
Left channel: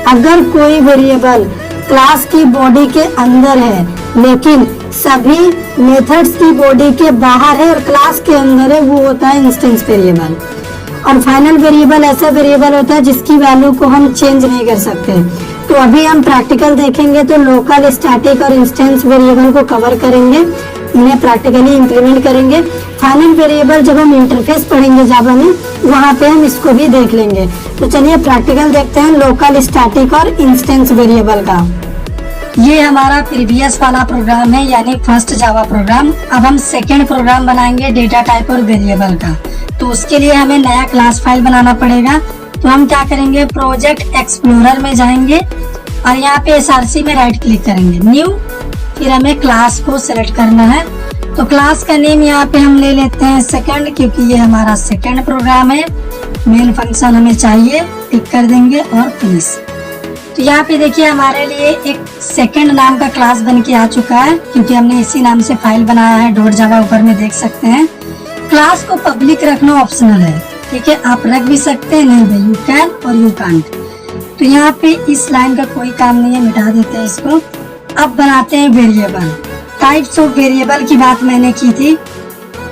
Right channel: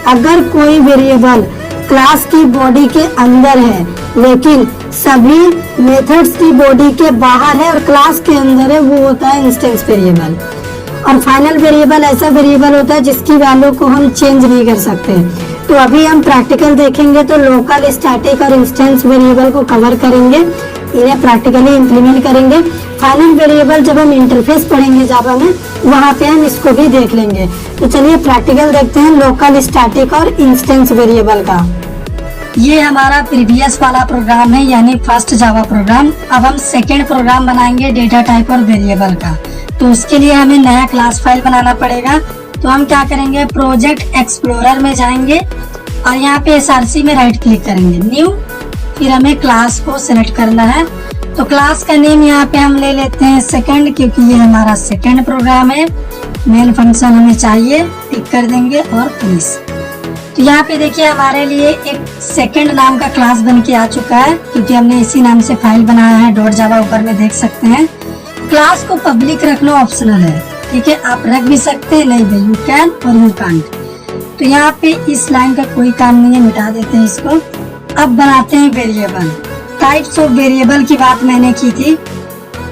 अगर कोई वेरिएबल क्लास की बॉडी के अंदर है लेकिन सभी मेथड्स की बॉडी के बाहर है और क्लास के अंदर है, वो होता है इंस्टेंस वेरिएबल। और फाइनल वेरिएबल ऐसा वेरिएबल होता है जिसकी वैल्यू को हम चेंज नहीं कर सकते। तो अभी हम प्रैक्टिकल देखेंगे तो लोकल, स्टैटिक और इंस्टेंस वेरिएबल को कवर करेंगे, इन्हें प्रैक्टिकली इंप्लीमेंट करेंगे। फाइनल वेरिएबल जब हम इंटरफेस पढ़ेंगे जावा में, वहाँ पे हम इसको भी देख लेंगे। तो चलिए प्रैक्टिकल देखते हैं लोकल, स्टैटिक और इंस्टेंस वेरिएबल का। ये हमारा प्रीवियस वाला प्रोग्राम है, यानी फर्स्ट जावा प्रोग्राम। अब हम सेकेंड प्रोग्राम बनाएंगे डेटा टाइप और वेरिएबल का। तो उसके लिए हमें नया क्लास फाइल बनाना पड़ेगा। तो हम क्या करेंगे, प्रोजेक्ट एक्सप्लोरर में जाएंगे और यहाँ पे SRC में राइट क्लिक करेंगे, न्यू, फिर हमें क्लास को सिलेक्ट करना है। तो क्लास का नेम यहाँ पे हम ले लेते हैं सेकंड, क्योंकि ये हमारा सेकंड प्रोग्राम है। मेन फंक्शन हमें चाहिए, टिक कर देंगे और फिनिश। तो यहाँ पे देखिए हमारे लिए एक सेकंड नाम का क्लास बन के आ चुका है, क्योंकि हमने इसी नाम से फाइल बनाया है .java, ऊपर में देख सकते हैं। क्लास को पब्लिक रखना ऑप्शनल है, ठीक है, आप रख भी सकते हैं, नहीं भी, यू कैन और यू कांट। तो यहाँ पे इस लाइन का कोई काम नहीं है, मिटा देते हैं इसको। अब बनाते हैं वेरिएबल। टाइप्स ऑफ वेरिएबल की बात मैंने की थी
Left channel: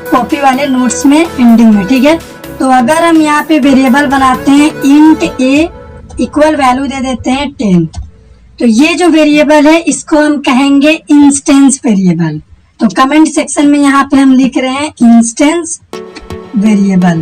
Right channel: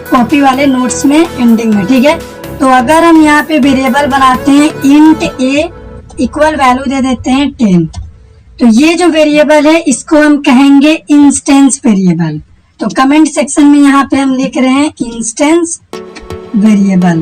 कॉपी वाले नोट्स में एंडिंग में, ठीक है। तो अगर हम यहाँ पे वेरिएबल बनाते हैं इंट a इक्वल वैल्यू दे देते हैं 10, तो ये जो वेरिएबल है इसको हम कहेंगे इंस्टेंस वेरिएबल। तो कमेंट सेक्शन में यहाँ पे हम लिख रहे हैं इंस्टेंस वेरिएबल।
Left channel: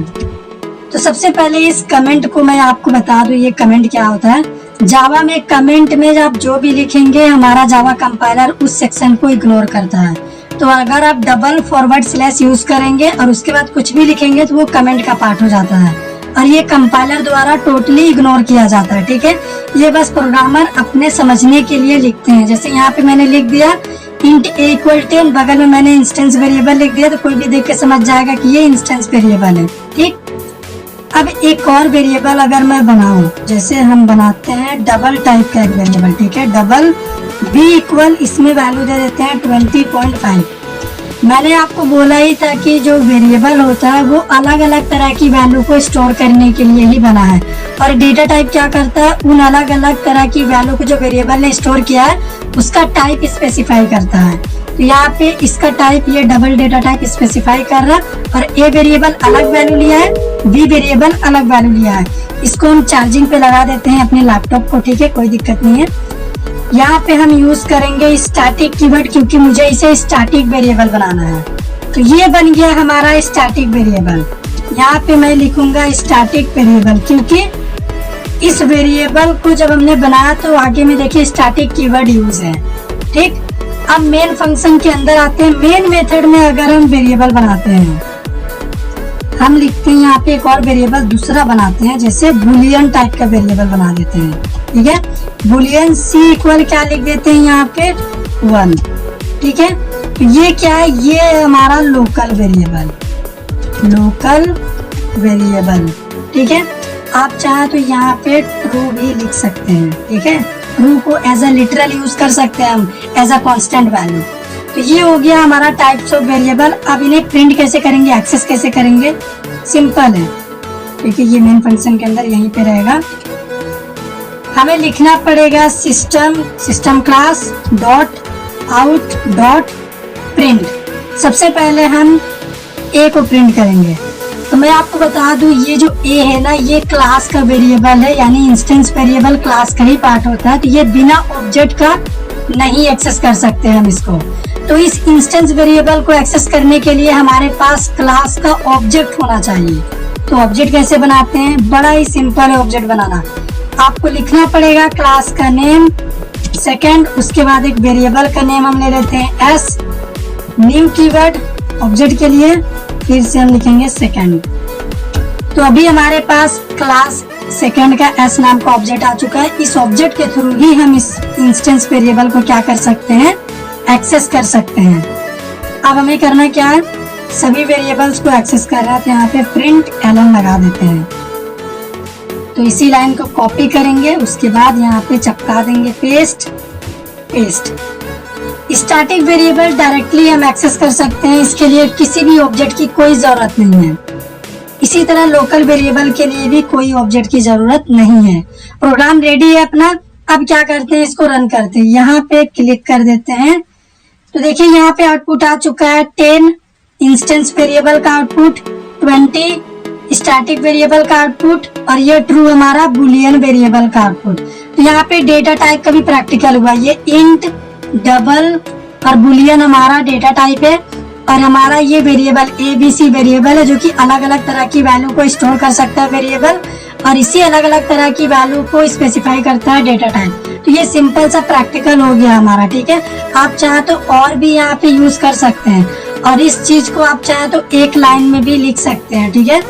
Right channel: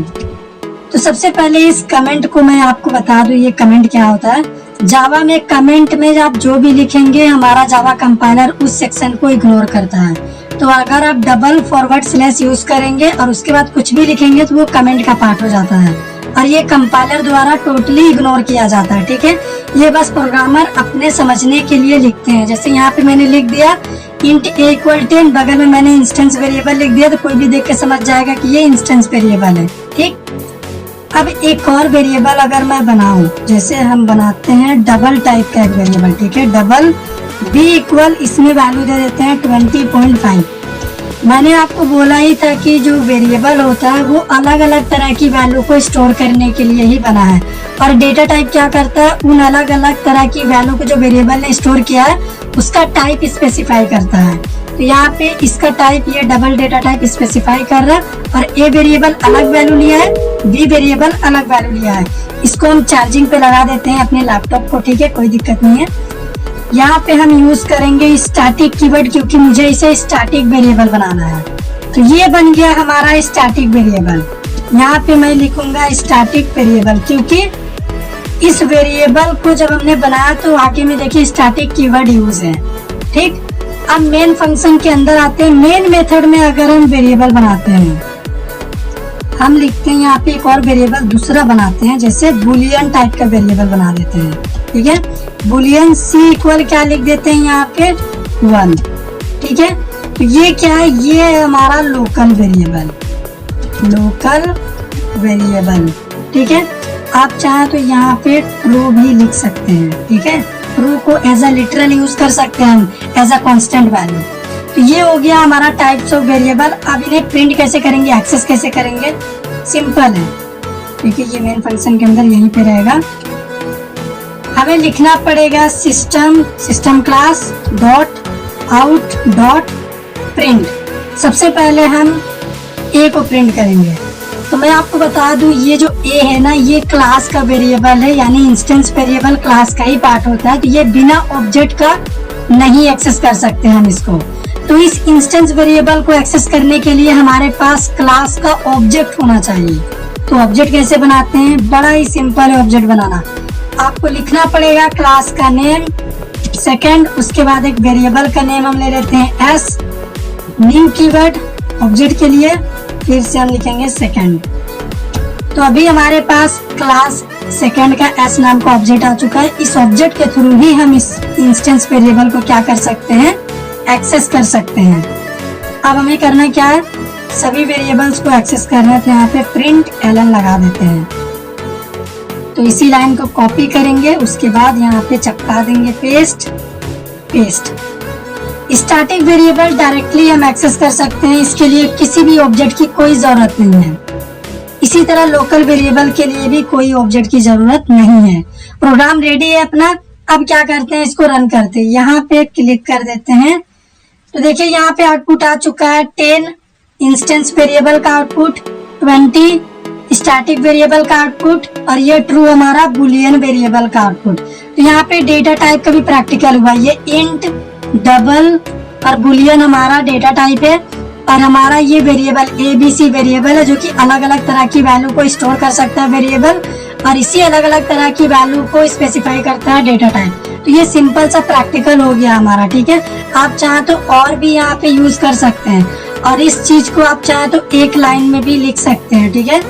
तो सबसे पहले इस कमेंट को मैं आपको बता दूं, ये कमेंट क्या होता है। जावा में कमेंट में आप जो भी लिखेंगे, हमारा जावा कंपाइलर उस सेक्शन को इग्नोर करता है। तो अगर आप डबल फॉरवर्ड स्लैश यूज करेंगे और उसके बाद कुछ भी लिखेंगे तो वो कमेंट का पार्ट हो जाता है और ये कंपाइलर द्वारा टोटली इग्नोर किया जाता है, ठीक है। ये बस प्रोग्रामर अपने समझने के लिए लिखते हैं। जैसे यहाँ पे मैंने लिख दिया इंट a इक्वल 10, बगल में मैंने इंस्टेंस वेरिएबल लिख दिया, तो कोई भी देख के समझ जाएगा कि ये इंस्टेंस वेरिएबल है, ठीक। अब एक और वेरिएबल अगर मैं बनाऊं, जैसे हम बनाते हैं डबल टाइप का एक वेरिएबल, ठीक है, डबल b इक्वल, इसमें वैल्यू दे देते हैं 20.5। मैंने आपको बोला ही था कि जो वेरिएबल होता है वो अलग अलग तरह की वैल्यू को स्टोर करने के लिए ही बना है, और डेटा टाइप क्या करता है, उन अलग अलग तरह की वैल्यू को जो वेरिएबल ने स्टोर किया है उसका टाइप स्पेसिफाई करता है। तो यहाँ पे इसका टाइप, ये डबल डेटा टाइप स्पेसिफाई कर रहा है, और ए वेरिएबल अलग वैल्यू लिया है, बी वेरिएबल अलग वैल्यू लिया है। इसको हम चार्जिंग पे लगा देते हैं अपने लैपटॉप को, ठीक है, कोई दिक्कत नहीं है। यहाँ पे हम यूज करेंगे स्टैटिक कीवर्ड, क्योंकि मुझे इसे स्टैटिक वेरिएबल बनाना है। तो ये बन गया हमारा स्टैटिक वेरिएबल। यहाँ पे मैं लिखूंगा स्टैटिक वेरिएबल, क्योंकि इस वेरिएबल को जब हमने बनाया तो आगे में देखिए स्टैटिक कीवर्ड यूज है, ठीक। अब मेन फंक्शन के अंदर आते हैं। मेन मेथड में अगर हम वेरिएबल बनाते हैं, हम लिखते हैं यहाँ पे एक और वेरिएबल दूसरा बनाते हैं, जैसे बुलियन टाइप का वेरिएबल बना देते हैं, ठीक है। बुलियन c इक्वल क्या लिख देते हैं यहाँ पे 1, ठीक है। तो ये क्या है, ये हमारा लोकल वेरिएबल, ठीक है। आप चाहे तो यहाँ पे ट्रू भी लिख सकते हैं, ठीक है। ट्रू को एज अ लिटरल यूज कर सकते हैं हम, एज अ कांस्टेंट वैल्यू। तो ये हो गया हमारा टाइप्स ऑफ वेरिएबल। अब इन्हें प्रिंट कैसे करेंगे, एक्सेस कैसे करेंगे, सिंपल है, ठीक है। ये मेन फंक्शन के अंदर यहीं पे रहेगा। हमें लिखना पड़ेगा system class dot out dot print. सबसे पहले हम ए को प्रिंट करेंगे। तो मैं आपको बता दूं, ये जो ए है ना, ये क्लास का वेरिएबल है, यानी इंस्टेंस वेरिएबल क्लास का ही पार्ट होता है। तो ये बिना ऑब्जेक्ट का नहीं एक्सेस कर सकते हम इसको। तो इस इंस्टेंस वेरिएबल को एक्सेस करने के लिए हमारे पास क्लास का ऑब्जेक्ट होना चाहिए। तो ऑब्जेक्ट कैसे बनाते हैं, बड़ा ही सिंपल है ऑब्जेक्ट बनाना। आपको लिखना पड़ेगा क्लास का नेम सेकंड, उसके बाद एक वेरिएबल का नेम हम ले लेते हैं s, न्यू कीवर्ड ऑब्जेक्ट के लिए, फिर से हम लिखेंगे सेकंड। तो अभी हमारे पास क्लास सेकंड का s नाम का ऑब्जेक्ट आ चुका है। इस ऑब्जेक्ट के थ्रू ही हम इस इंस्टेंस वेरिएबल को क्या कर सकते हैं, एक्सेस कर सकते हैं। अब हमें करना क्या है, सभी वेरिएबल्स को एक्सेस कर रहा है, तो यहाँ पे प्रिंट एलन लगा देते हैं। तो इसी लाइन को कॉपी करेंगे, उसके बाद यहाँ पे चिपका देंगे पेस्ट। स्टैटिक वेरिएबल डायरेक्टली हम एक्सेस कर सकते हैं, इसके लिए किसी भी ऑब्जेक्ट की कोई जरूरत नहीं है। इसी तरह लोकल वेरिएबल के लिए भी कोई ऑब्जेक्ट की जरूरत नहीं है। प्रोग्राम रेडी है अपना। अब क्या करते हैं, इसको रन करते हैं। यहाँ पे क्लिक कर देते हैं, तो देखिए यहाँ पे आउटपुट आ चुका है 10 इंस्टेंस वेरिएबल का आउटपुट, 20 स्टैटिक वेरिएबल का आउटपुट, और ये ट्रू हमारा बुलियन वेरिएबल का आउटपुट। तो यहाँ पे डेटा टाइप का भी प्रैक्टिकल हुआ। ये इंट, डबल और बुलियन हमारा डेटा टाइप है, और हमारा ये वेरिएबल ABC वेरिएबल है, जो कि अलग अलग तरह की वैल्यू को स्टोर कर सकता है वेरिएबल, और इसी अलग अलग तरह की वैल्यू को स्पेसिफाई करता है डेटा टाइप। तो ये सिंपल सा प्रैक्टिकल हो गया हमारा, ठीक है। आप चाहे तो और भी यहाँ पे यूज कर सकते हैं, और इस चीज को आप चाहे तो एक लाइन में भी लिख सकते हैं, ठीक है।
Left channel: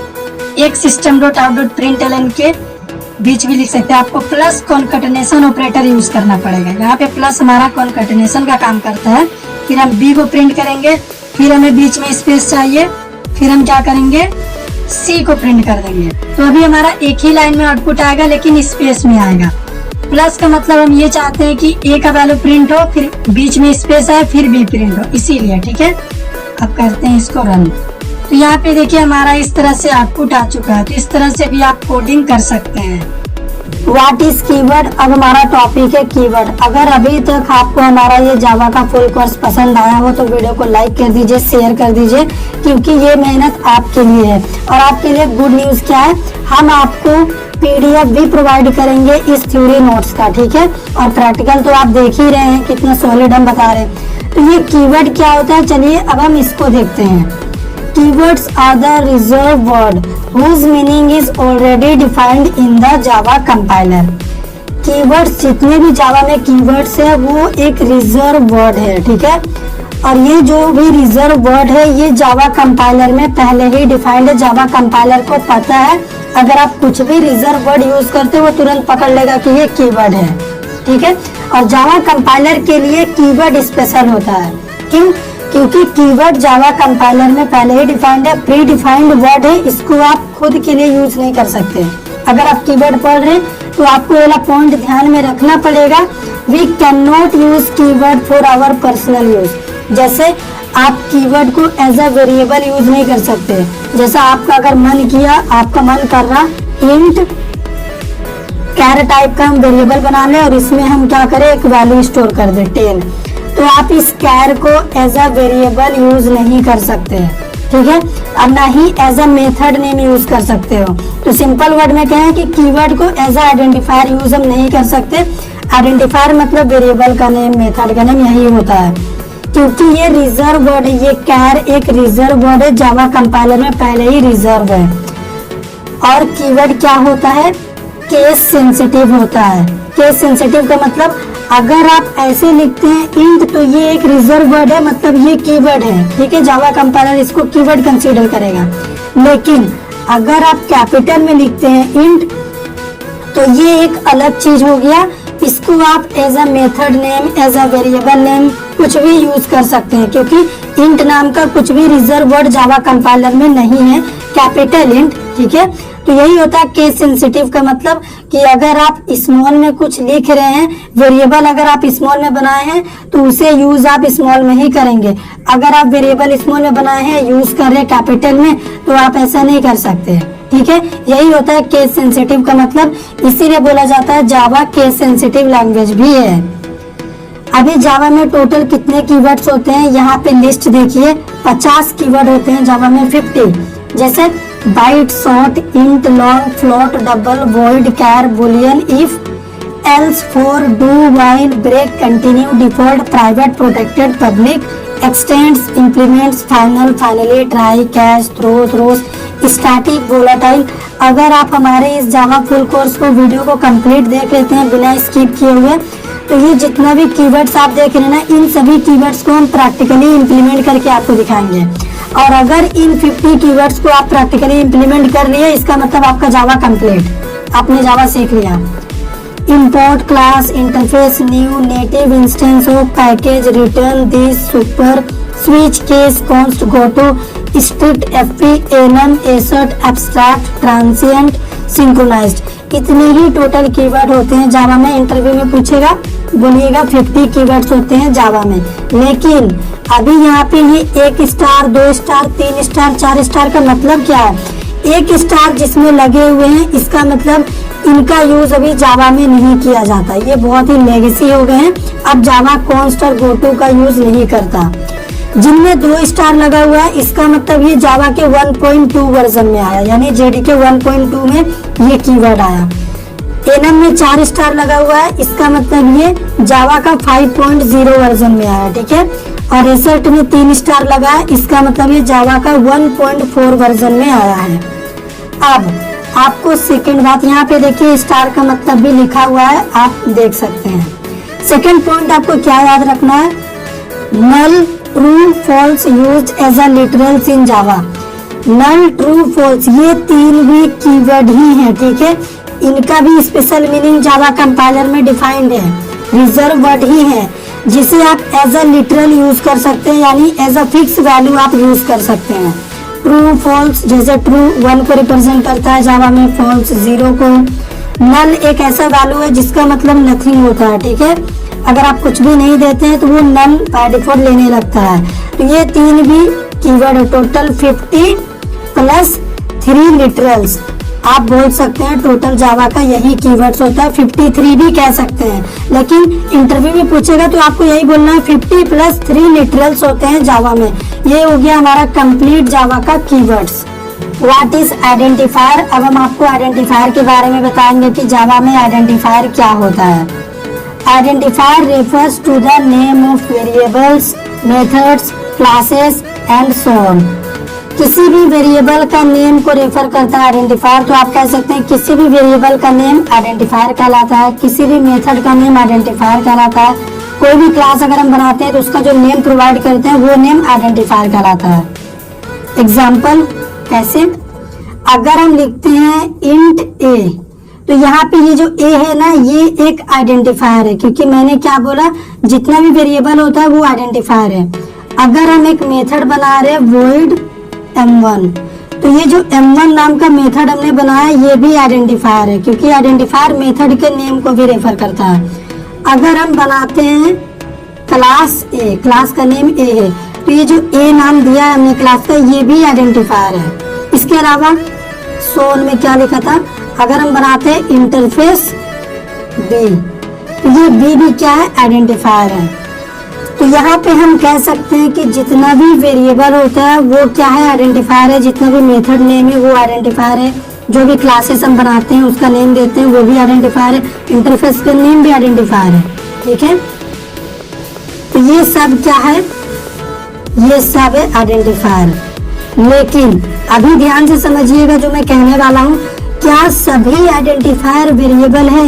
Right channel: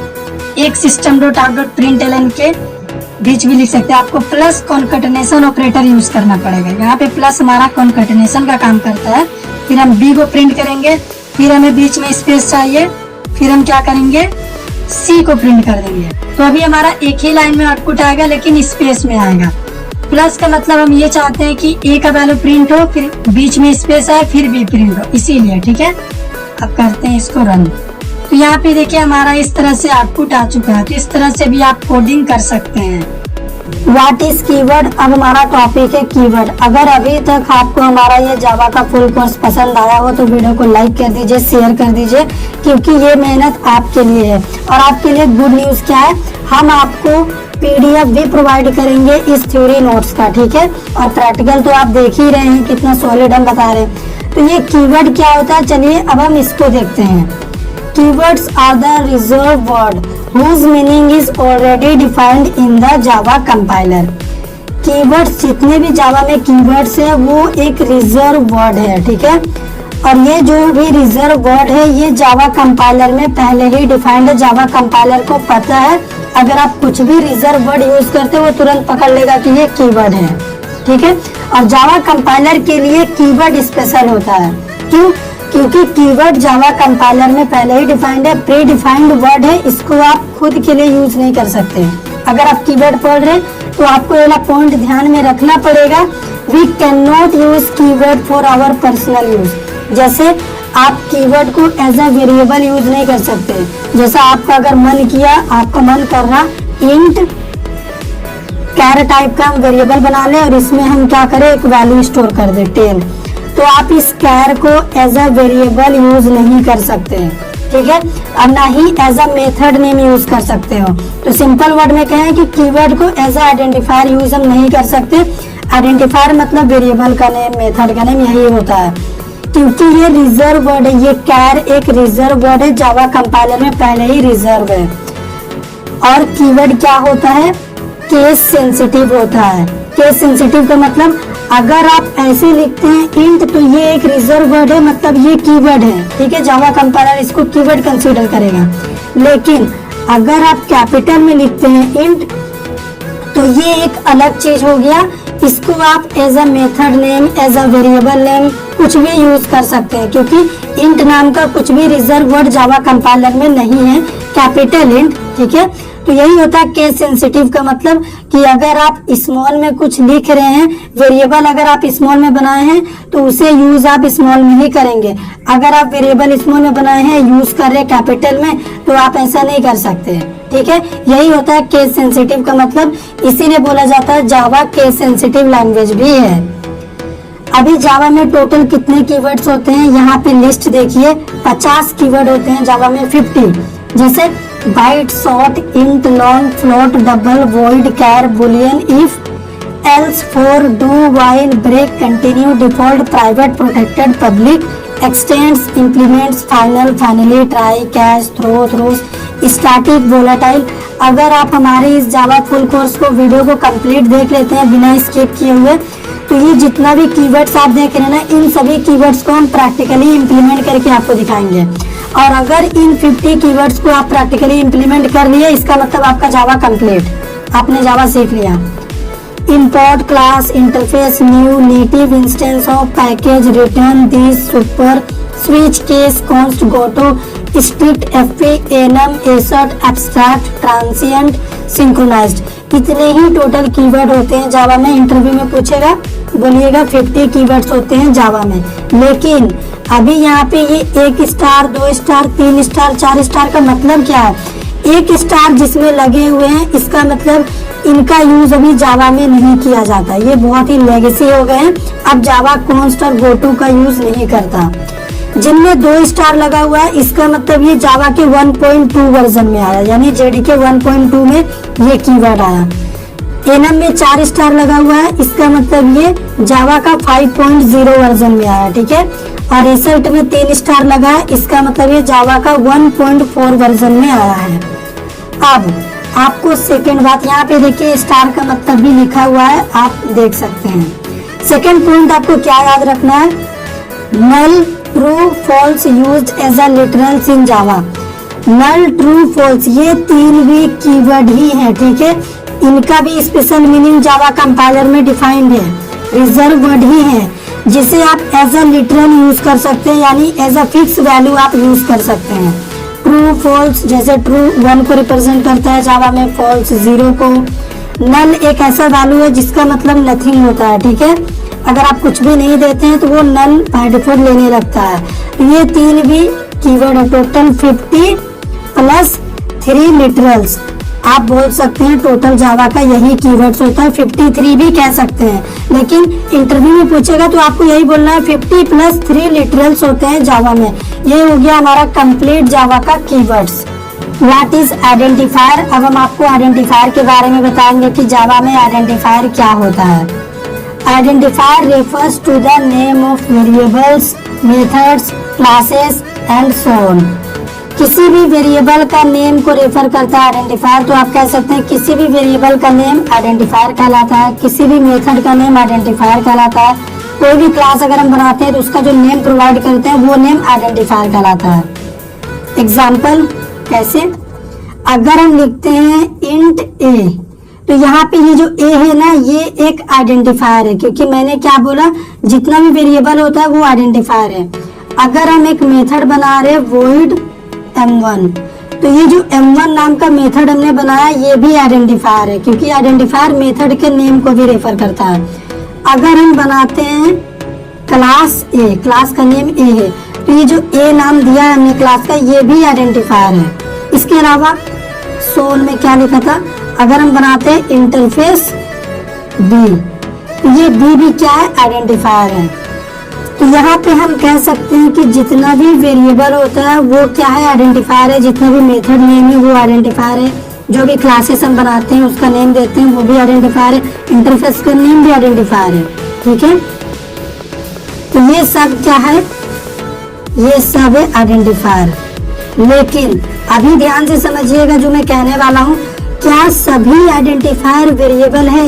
एक system.out.println के बीच भी लिख सकते हैं। आपको प्लस कॉन्कैटिनेशन ऑपरेटर यूज करना पड़ेगा। यहाँ पे प्लस हमारा कॉन्कैटिनेशन का काम करता है। फिर हम B को प्रिंट करेंगे, फिर हमें बीच में स्पेस चाहिए, फिर हम क्या करेंगे, C को प्रिंट कर देंगे। तो अभी हमारा एक ही लाइन में आउटपुट आएगा, लेकिन स्पेस में आएगा। प्लस का मतलब हम ये चाहते हैं कि A का वैल्यू प्रिंट हो, फिर बीच में स्पेस आए, फिर B प्रिंट हो, इसीलिए, ठीक है। अब करते हैं इसको रन। तो यहाँ पे देखिए हमारा इस तरह से आउटपुट आ चुका है। तो इस तरह से भी आप कोडिंग कर सकते हैं। What is keyword? अब हमारा टॉपिक है कीवर्ड। अगर अभी तक आपको हमारा ये जावा का फुल कोर्स पसंद आया हो तो वीडियो को लाइक कर दीजिए, शेयर कर दीजिए, क्योंकि ये मेहनत आपके लिए है। और आपके लिए गुड न्यूज क्या है, हम आपको PDF भी प्रोवाइड करेंगे इस थ्योरी नोट्स का, ठीक है। और प्रैक्टिकल तो आप देख ही रहे हैं कितना सॉलिड हम बता रहे हैं। तो ये कीवर्ड क्या होता है, चलिए अब हम इसको देखते हैं। Keywords are the reserved word whose meaning is already defined in the Java compiler. Keywords जितने भी जावा में keywords है वो एक रिजर्व वर्ड है, ठीक है। और ये जो भी रिजर्व वर्ड है ये जावा कंपाइलर में पहले ही डिफाइंड है। जावा कंपाइलर को पता है अगर आप कुछ भी रिजर्व वर्ड यूज करते हो वो तुरंत पकड़ लेगा कि ये कीवर्ड है, ठीक है। और जावा कंपाइलर के लिए कीवर्ड स्पेशल होता है। क्यों? क्योंकि कीवर्ड जावा कंपाइलर में पहले ही डिफाइंड है, प्री डिफाइंड वर्ड है, इसको आप खुद के लिए यूज नहीं कर सकते। अगर आप कीवर्ड पढ़ रहे हैं तो आपको वाला पॉइंट ध्यान में रखना पड़ेगा, we can not use keyword for our personal use. जैसे आप कीवर्ड को एज अ वेरिएबल यूज नहीं कर सकते। जैसे आपका अगर मन किया, आपका मन कर रहा इंट कैर टाइप का हम वेरिएबल बना ले और इसमें हम क्या करें, एक वैल्यू स्टोर कर दे 10, तो आप इस कैर को एज अ वेरिएबल यूज नहीं कर सकते, ठीक है। और ना ही as a method name use कर सकते हो। तो सिंपल वर्ड में कहें कि कीवर्ड को एज अ आइडेंटिफायर यूज हम नहीं कर सकते। आइडेंटिफायर मतलब वेरिएबल का नेम, मेथड का नेम, यही होता है। क्योंकि ये रिजर्व वर्ड है, ये कैर एक रिजर्व वर्ड है, जावा कंपाइलर में पहले ही रिजर्व है। और कीवर्ड क्या होता है, केस सेंसिटिव होता है। केस सेंसिटिव का मतलब अगर आप ऐसे लिखते हैं इंट तो ये एक रिजर्व वर्ड है, मतलब ये कीवर्ड है, ठीक है। जावा कंपाइलर इसको कीवर्ड कंसीडर करेगा। लेकिन अगर आप कैपिटल में लिखते हैं इंट तो ये एक अलग चीज हो गया। इसको आप as a method name, as a variable name कुछ भी यूज कर सकते हैं, क्योंकि इंट नाम का कुछ भी रिजर्व वर्ड जावा कंपाइलर में नहीं है, कैपिटल इंट, ठीक है। तो यही होता है केस सेंसिटिव का मतलब कि अगर आप स्मॉल में कुछ लिख रहे हैं, वेरिएबल अगर आप स्मॉल में बनाए हैं तो उसे यूज आप स्मॉल में ही करेंगे। अगर आप वेरिएबल स्मॉल में बनाए हैं, यूज कर रहे कैपिटल में, तो आप ऐसा नहीं कर सकते, ठीक है। यही होता है केस सेंसिटिव का मतलब, इसीलिए बोला जाता है जावा केस सेंसिटिव लैंग्वेज भी है। अभी जावा में टोटल कितने कीवर्ड्स होते हैं, यहाँ पे लिस्ट देखिए। 50 कीवर्ड होते हैं जावा में, 50 जैसे byte, short, int, long, float, double, void, char, boolean, if, else, for, do, while, break, continue, default, private, protected, public, extends, implements, final, finally, try, catch, throw, throws, static, volatile. अगर आप हमारे इस Java full course को video को complete देख लेते हैं बिना स्किप किए हुए, तो ये जितना भी कीवर्ड्स आप देख रहे हैं ना, इन सभी कीवर्ड्स को हम प्रैक्टिकली इम्प्लीमेंट करके आपको दिखाएंगे। और अगर इन 50 कीवर्ड्स को आप प्रैक्टिकली इम्प्लीमेंट कर लिए, इसका मतलब आपका जावा कंप्लीट, आपने जावा सीख लिया। Import class, interface, new, native instanceof package, return, this, super, switch, case, const, goto, strictfp, enum, assert, abstract, transient, synchronized. इतने ही टोटल कीवर्ड होते हैं जावा में। इंटरव्यू में पूछेगा, बोलिएगा 50 कीवर्ड्स होते हैं जावा में। लेकिन अभी यहाँ पे ये 1 स्टार, 2 स्टार, 3 स्टार, 4 स्टार का मतलब क्या है? 1 स्टार जिसमें लगे हुए हैं, इसका मतलब इनका यूज अभी जावा में नहीं किया जाता। ये बहुत ही लेगेसी हो गए हैं। अब जावा कॉन्स्ट और गोटो का यूज नहीं करता। जिनमें 2 स्टार लगा हुआ है, इसका मतलब ये जावा के 1.2 वर्जन में आया, यानी जेडीके 1.2 में ये कीवर्ड आया। एनएम में 4 स्टार लगा हुआ है, इसका मतलब ये जावा का 5.0 वर्जन में आया, ठीक है। और एसर्ट में 3 स्टार लगा है, इसका मतलब ये जावा का 1.4 वर्जन में आया है। अब आपको सेकंड बात यहाँ पे देखिए, स्टार का मतलब भी लिखा हुआ है, आप देख सकते हैं। सेकंड पॉइंट आपको क्या याद रखना है? Null, true, false used as a literals in Java. Null, true, false ये 3 भी कीवर्ड ही है, ठीक है। इनका भी स्पेशल मीनिंग जावा कंपाइलर में डिफाइंड है, रिजर्व वर्ड ही है, जिसे आप एज अ लिटरल यूज कर सकते हैं, यानी एज अ फिक्स वैल्यू आप यूज कर सकते हैं। ट्रू, फॉल्स, जैसे ट्रू 1 को रिप्रेजेंट करता है जावा में, फॉल्स 0 को। नल एक ऐसा वैल्यू है जिसका मतलब नथिंग होता है, ठीक है। अगर आप कुछ भी नहीं देते हैं तो वो नल बाय डिफॉल्ट लेने लगता है। तो ये 3 भी कीवर्ड है, टोटल 50 प्लस 3 लिटरल्स। आप बोल सकते हैं टोटल जावा का यही कीवर्ड्स होता है, 53 भी कह सकते हैं, लेकिन इंटरव्यू में पूछेगा तो आपको यही बोलना है 50 प्लस 3 लिटरल्स होते हैं जावा में। ये हो गया हमारा कंप्लीट जावा का कीवर्ड्स। What is identifier? अब हम आपको आइडेंटिफायर के बारे में बताएंगे कि जावा में आइडेंटिफायर क्या होता है। Identifier refers to the name of variables, methods, classes and so on। किसी भी वेरिएबल का नेम को रेफर करता है आइडेंटिफायर। तो आप कह सकते हैं किसी भी वेरिएबल का नेम आइडेंटिफायर कहलाता है, किसी भी मेथड का नेम आइडेंटिफायर कहलाता है। कोई भी क्लास अगर हम बनाते हैं तो उसका जो नेम प्रोवाइड करते हैं वो नेम आइडेंटिफायर कहलाता है। एग्जाम्पल कैसे? अगर हम लिखते हैं इंट ए, तो यहाँ पे ये जो ए है ना, ये एक आइडेंटिफायर है, क्योंकि मैंने क्या बोला, जितना भी वेरिएबल होता है वो आइडेंटिफायर है। अगर हम एक मेथड बना रहे वॉइड m1, तो ये जो m1 नाम का मेथड हमने बनाया ये भी आइडेंटिफायर है, क्योंकि आइडेंटिफायर मेथड के नेम को भी रेफर करता है। अगर हम बनाते हैं क्लास ए, क्लास का नेम ए है, तो ये जो ए नाम दिया है हमने क्लास का, ये भी आइडेंटिफायर है। इसके अलावा सोल में क्या लिखा था? अगर हम बनाते हैं इंटरफेस बी, तो ये बी भी क्या है? आइडेंटिफायर है। तो यहाँ पे हम कह सकते हैं कि जितना भी वेरिएबल होता है वो क्या है? आइडेंटिफायर है। जितना भी मेथड नेम है वो आइडेंटिफायर है। जो भी क्लासेस हम बनाते हैं उसका नेम देते हैं वो भी आइडेंटिफायर है। इंटरफेस का नेम भी आइडेंटिफायर है, ठीक है। तो ये सब क्या है? ये सब है आइडेंटिफायर। लेकिन अभी ध्यान से समझिएगा जो मैं कहने वाला हूँ, क्या सभी आइडेंटिफायर वेरिएबल है?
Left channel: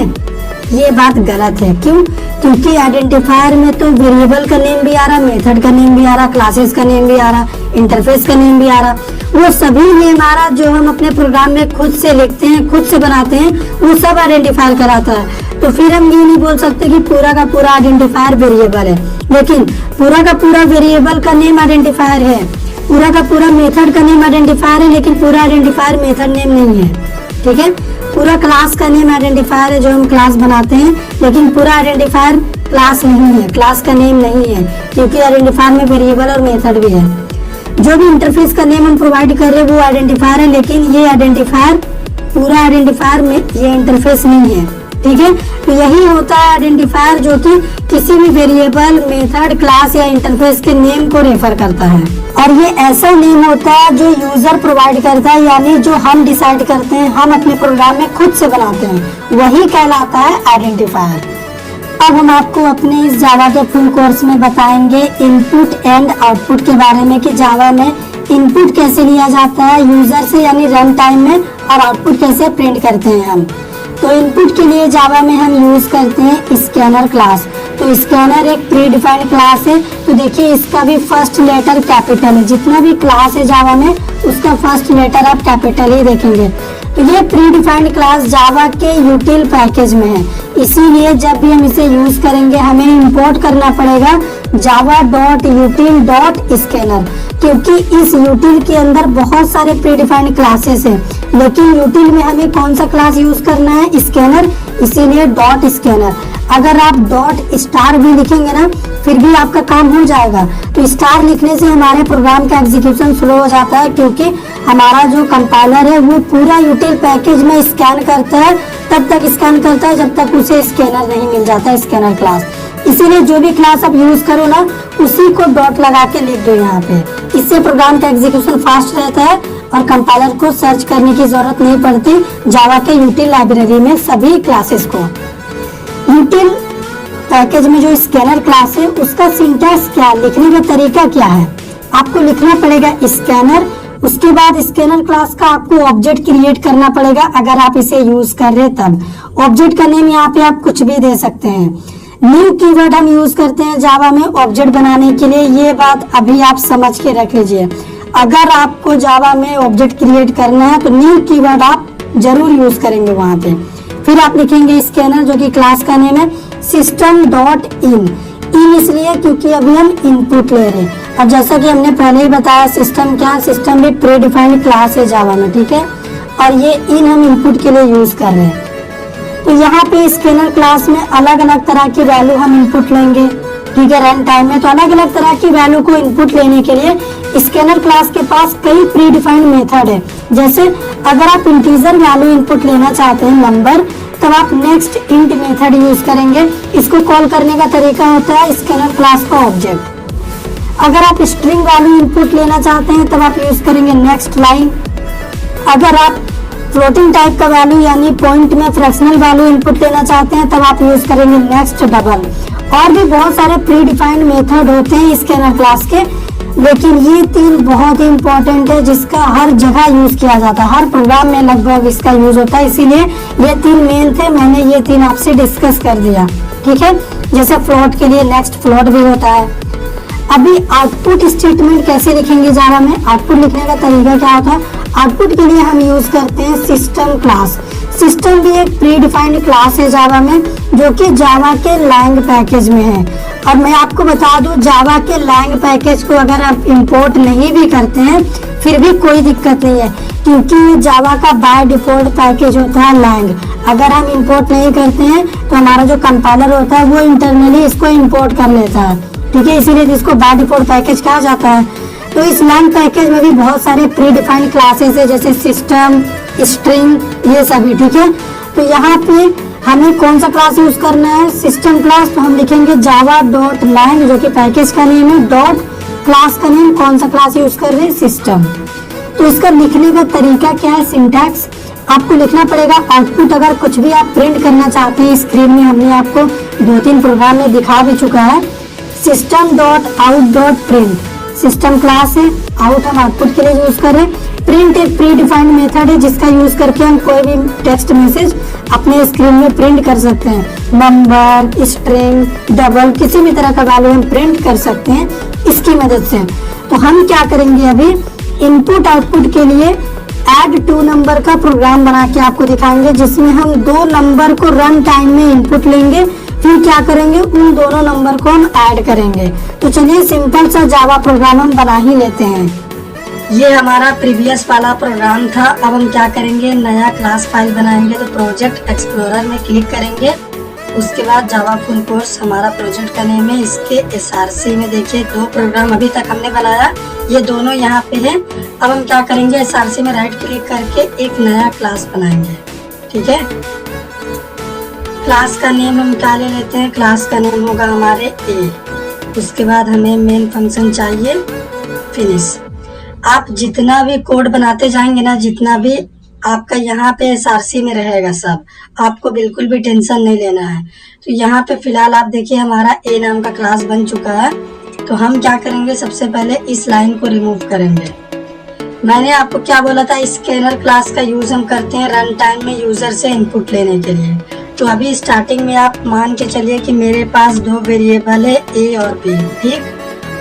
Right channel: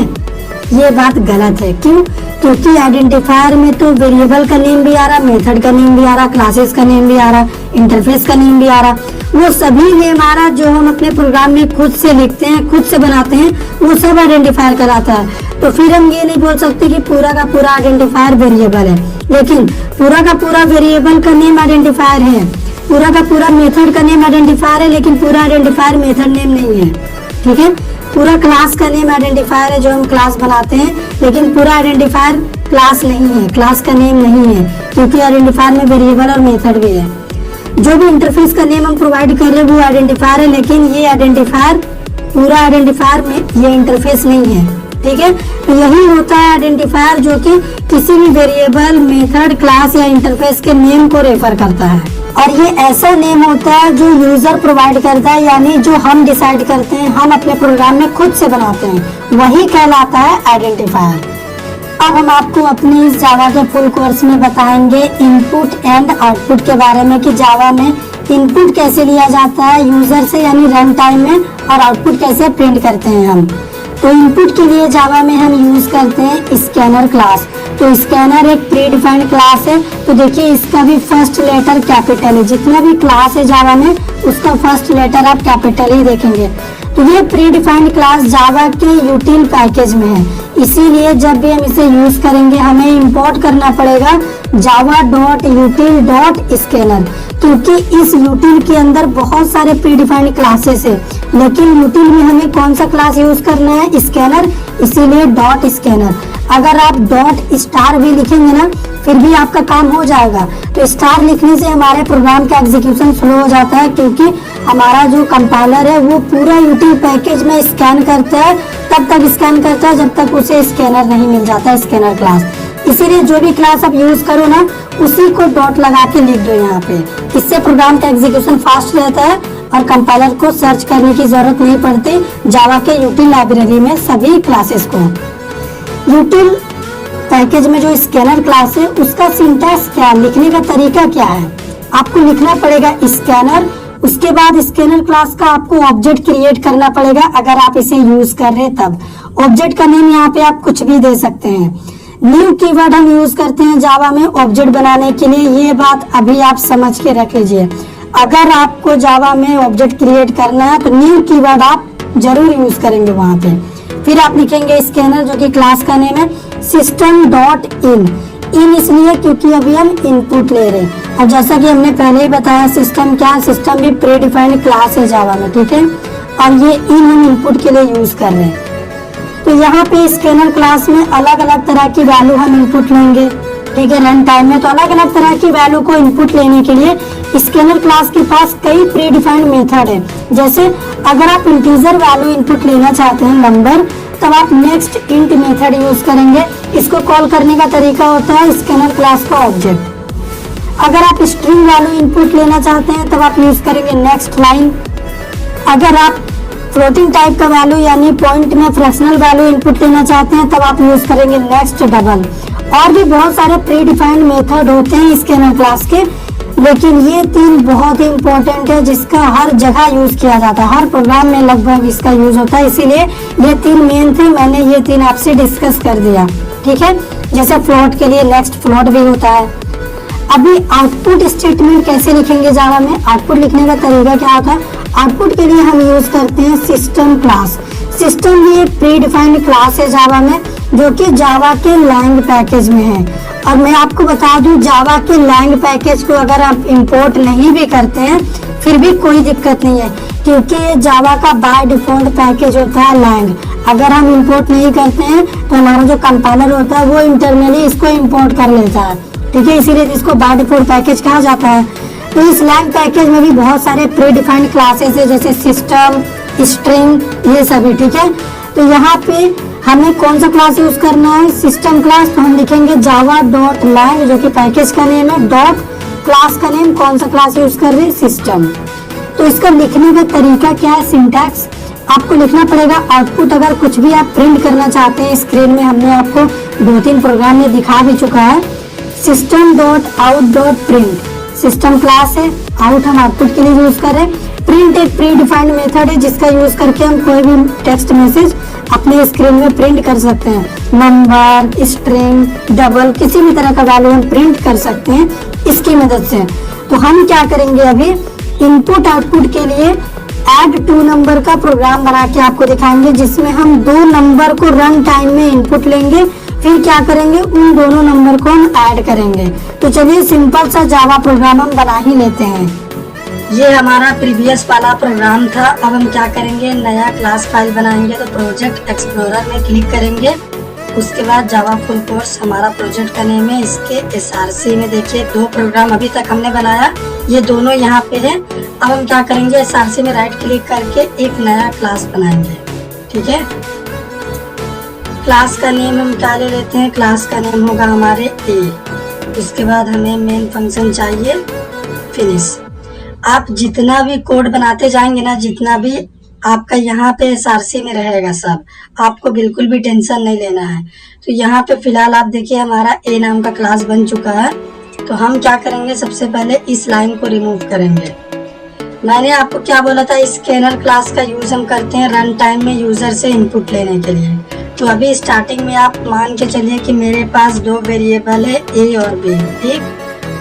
ये बात गलत है। क्यों? क्योंकि आइडेंटिफायर में तो वेरिएबल का नेम भी आ रहा, मेथड का नेम भी आ रहा, क्लासेस का नेम भी आ रहा, इंटरफेस का नेम भी आ रहा। वो सभी नेम आ रहा जो हम अपने प्रोग्राम में खुद से लिखते हैं, खुद से बनाते हैं, वो सब आइडेंटिफायर कराता है। तो फिर हम ये नहीं बोल सकते कि पूरा का पूरा आइडेंटिफायर वेरिएबल है। लेकिन पूरा का पूरा वेरिएबल का नेम आइडेंटिफायर है, पूरा का पूरा मेथड का नेम आइडेंटिफायर है, लेकिन पूरा आइडेंटिफायर मेथड नेम नहीं है, ठीक है। पूरा क्लास का नेम आइडेंटिफायर है जो हम क्लास बनाते हैं, लेकिन पूरा आइडेंटिफायर क्लास नहीं है, क्लास का नेम नहीं है, क्योंकि आइडेंटिफायर में वेरिएबल और मेथड भी है। जो भी इंटरफेस का नेम हम प्रोवाइड कर रहे हैं वो आइडेंटिफायर है, लेकिन ये आइडेंटिफायर पूरा आइडेंटिफायर में ये इंटरफेस नहीं है, ठीक है। तो यही होता है आइडेंटिफायर, जो कि किसी भी वेरिएबल, मेथड, क्लास या इंटरफेस के नेम को रेफर करता है। और ये ऐसा नेम होता है जो यूजर प्रोवाइड करता है, यानी जो हम डिसाइड करते हैं, हम अपने प्रोग्राम में खुद से बनाते हैं, वही कहलाता है आइडेंटिफायर। अब हम आपको अपने इस जावा के फुल कोर्स में बताएंगे इनपुट एंड आउटपुट के बारे में, कि जावा में इनपुट कैसे लिया जाता है यूजर से, यानी रन टाइम में, और आउटपुट कैसे प्रिंट करते हैं हम। तो इनपुट के लिए जावा में हम यूज करते हैं स्कैनर क्लास। तो स्कैनर एक प्री डिफाइंड क्लास है। तो देखिए इसका भी फर्स्ट लेटर कैपिटल है, जितना भी क्लास है जावा में उसका फर्स्ट लेटर आप कैपिटल ही देखेंगे। तो ये प्री डिफाइंड क्लास जावा के यूटिल पैकेज में है, इसीलिए जब भी हम इसे यूज करेंगे हमें इंपोर्ट करना पड़ेगा java.util.scanner, क्योंकि इस util के अंदर बहुत सारे प्रीडिफाइंड क्लासेस है, लेकिन util में हमें कौन सा क्लास यूज करना है, स्कैनर, इसीलिए डॉट स्कैनर। अगर आप डॉट स्टार भी लिखेंगे ना फिर भी आपका काम हो जाएगा। तो स्टार लिखने से हमारे प्रोग्राम का एग्जीक्यूशन स्लो हो जाता है, क्योंकि हमारा जो कंपाइलर है वो पूरा यूटिल पैकेज में स्कैन करता है, तब तक स्कैन करता है जब तक उसे स्कैनर नहीं मिल जाता, स्कैनर क्लास। इसीलिए जो भी क्लास आप यूज करो ना उसी को डॉट लगा के लिख दो यहाँ पे। इससे प्रोग्राम का एग्जीक्यूशन फास्ट रहता है और कंपाइलर को सर्च करने की जरूरत नहीं पड़ती जावा के यूटिल लाइब्रेरी में सभी क्लासेस को। यूटिल पैकेज में जो स्कैनर क्लास है उसका सिंटैक्स क्या, लिखने का तरीका क्या है, आपको लिखना पड़ेगा स्कैनर, उसके बाद स्कैनर क्लास का आपको ऑब्जेक्ट क्रिएट करना पड़ेगा अगर आप इसे यूज कर रहे तब। ऑब्जेक्ट का नेम यहाँ पे आप कुछ भी दे सकते हैं। न्यू कीवर्ड हम यूज करते हैं जावा में ऑब्जेक्ट बनाने के लिए, ये बात अभी आप समझ के रख लीजिए। अगर आपको जावा में ऑब्जेक्ट क्रिएट करना है तो न्यू कीवर्ड आप जरूर यूज करेंगे वहां पे। फिर आप लिखेंगे स्कैनर, जो कि क्लास का नेम है system.in। इन इसलिए क्योंकि अभी हम इनपुट ले रहे हैं, और जैसा कि हमने पहले ही बताया सिस्टम क्या है, सिस्टम भी प्री डिफाइंड क्लास है जावा में, ठीक है। और ये इन हम इनपुट के लिए यूज कर रहे हैं। तो यहाँ पे स्कैनर क्लास में अलग अलग तरह की वैल्यू हम इनपुट लेंगे, ठीक है। रन टाइम में तो अलग अलग तरह की वैल्यू को इनपुट लेने के लिए स्कैनर क्लास के पास कई प्री डिफाइंड मेथड है। जैसे अगर आप इंटीजर वैल्यू इनपुट लेना चाहते हैं नंबर, तब आप नेक्स्ट इंट मेथड यूज करेंगे। इसको कॉल करने का तरीका होता है स्कैनर क्लास का ऑब्जेक्ट। अगर आप स्ट्रिंग वैल्यू इनपुट लेना चाहते हैं तब आप यूज करेंगे नेक्स्ट लाइन। अगर आप फ्लोटिंग टाइप का वैल्यू यानी पॉइंट में फ्रैक्शनल वैल्यू इनपुट लेना चाहते हैं तब आप यूज करेंगे नेक्स्ट डबल। और भी बहुत सारे प्री डिफाइंड मेथड होते हैं स्कैनर क्लास के, लेकिन ये तीन बहुत ही इंपॉर्टेंट है जिसका हर जगह यूज किया जाता है, हर प्रोग्राम में लगभग इसका यूज होता है। इसीलिए ये तीन मेन थे, मैंने ये तीन आपसे डिस्कस कर दिया, ठीक है। जैसे फ्लोट के लिए नेक्स्ट फ्लोट भी होता है। अभी आउटपुट स्टेटमेंट कैसे लिखेंगे जावा में, आउटपुट लिखने का तरीका क्या होता है। आउटपुट के लिए हम यूज करते हैं सिस्टम क्लास। सिस्टम भी एक प्री डिफाइंड क्लास है जावा में, जो कि जावा के लैंग पैकेज में है। और मैं आपको बता दूं जावा के लैंग पैकेज को अगर आप इंपोर्ट नहीं भी करते हैं फिर भी कोई दिक्कत नहीं है, क्योंकि जावा का बाय डिफॉल्ट पैकेज होता है लैंग। अगर हम इंपोर्ट नहीं करते हैं तो हमारा जो कंपाइलर होता है वो इंटरनली इसको इंपोर्ट कर लेता है, ठीक है। इसीलिए इसको बाय डिफॉल्ट पैकेज कहा जाता है। तो इस लैंग पैकेज में भी बहुत सारे प्री डिफाइंड क्लासेस है, जैसे सिस्टम, स्ट्रिंग, ये सभी, ठीक है। तो यहाँ पे हमें कौन सा क्लास यूज करना है, सिस्टम क्लास। तो हम लिखेंगे java.lang, जो कि पैकेज का नेम है, डॉट क्लास का नेम, कौन सा क्लास यूज कर रहे हैं, सिस्टम। तो इसका लिखने का तरीका क्या है, सिंटैक्स आपको लिखना पड़ेगा। आउटपुट अगर कुछ भी आप प्रिंट करना चाहते हैं, स्क्रीन में हमने आपको 2-3 प्रोग्राम में दिखा भी चुका है। system.out.print सिस्टम क्लास है, आउट हम आउटपुट के लिए यूज कर रहे हैं। प्रिंट एक प्री डिफाइंड मेथड है जिसका यूज करके हम कोई भी टेक्स्ट मैसेज अपने स्क्रीन में प्रिंट कर सकते हैं। नंबर, स्ट्रिंग, डबल, किसी भी तरह का वैल्यू हम प्रिंट कर सकते हैं इसकी मदद से। तो हम क्या करेंगे, अभी इनपुट आउटपुट के लिए ऐड 2 नंबर का प्रोग्राम बना के आपको दिखाएंगे, जिसमें हम 2 नंबर को रन टाइम में इनपुट लेंगे, फिर क्या करेंगे, उन दोनों नंबर को हम ऐड करेंगे। तो चलिए सिंपल सा जावा प्रोग्राम हम बना ही लेते हैं। ये हमारा प्रीवियस वाला प्रोग्राम था। अब हम क्या करेंगे, नया क्लास फाइल बनाएंगे। तो प्रोजेक्ट एक्सप्लोरर में क्लिक करेंगे, उसके बाद जावा फुल कोर्स हमारा प्रोजेक्ट का नेम है। इसके SRC में देखिए 2 प्रोग्राम अभी तक हमने बनाया, ये दोनों यहाँ पे हैं। अब हम क्या करेंगे, SRC में राइट क्लिक करके एक नया क्लास बनाएंगे, ठीक है। क्लास का नेम हम क्या ले लेते हैं, क्लास का नेम होगा हमारे A। उसके बाद हमें मेन फंक्शन चाहिए, फिनिश। आप जितना भी कोड बनाते जाएंगे ना, जितना भी आपका यहाँ पे SRC में रहेगा सब, आपको बिल्कुल भी टेंशन नहीं लेना है। तो यहाँ पे फिलहाल आप देखिए हमारा A नाम का क्लास बन चुका है। तो हम क्या करेंगे, सबसे पहले इस लाइन को रिमूव करेंगे। मैंने आपको क्या बोला था, स्कैनर क्लास का यूज हम करते हैं रन टाइम में यूजर से इनपुट लेने के लिए। तो अभी स्टार्टिंग में आप मान के चलिए कि मेरे पास 2 वेरिएबल है A और B, ठीक,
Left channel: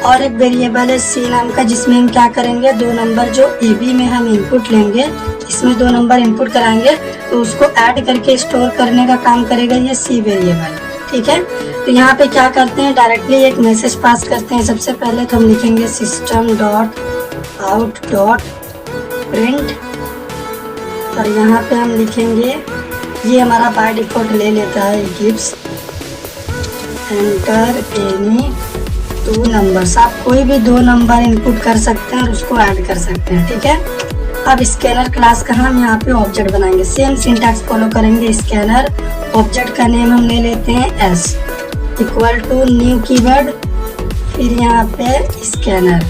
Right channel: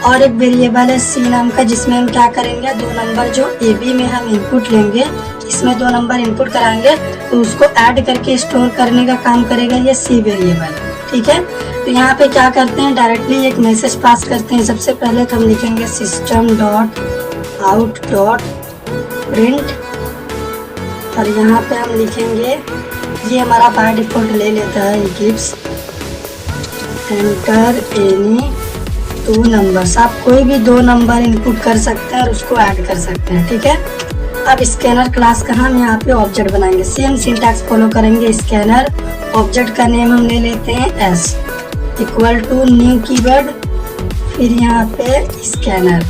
और एक वेरिएबल है C नाम का, जिसमें हम क्या करेंगे, 2 नंबर जो AB में हम इनपुट लेंगे, इसमें 2 नंबर इनपुट कराएंगे, तो उसको ऐड करके स्टोर करने का काम करेगा ये C वेरिएबल, ठीक है। तो यहाँ पे क्या करते हैं, डायरेक्टली एक मैसेज पास करते हैं। सबसे पहले तो हम लिखेंगे system.out.print और यहाँ पे हम लिखेंगे, ये हमारा बाय डिफॉल्ट ले लेता है, गिव्स एंटर एनी 2 नंबर्स। आप कोई भी 2 नंबर इनपुट कर सकते हैं और उसको ऐड कर सकते हैं, ठीक है। अब स्कैनर क्लास का हम यहाँ पे ऑब्जेक्ट बनाएंगे, सेम सिंटैक्स फॉलो करेंगे। स्कैनर ऑब्जेक्ट का नेम हम ले लेते हैं S equal to new keyword, फिर यहाँ पे स्कैनर।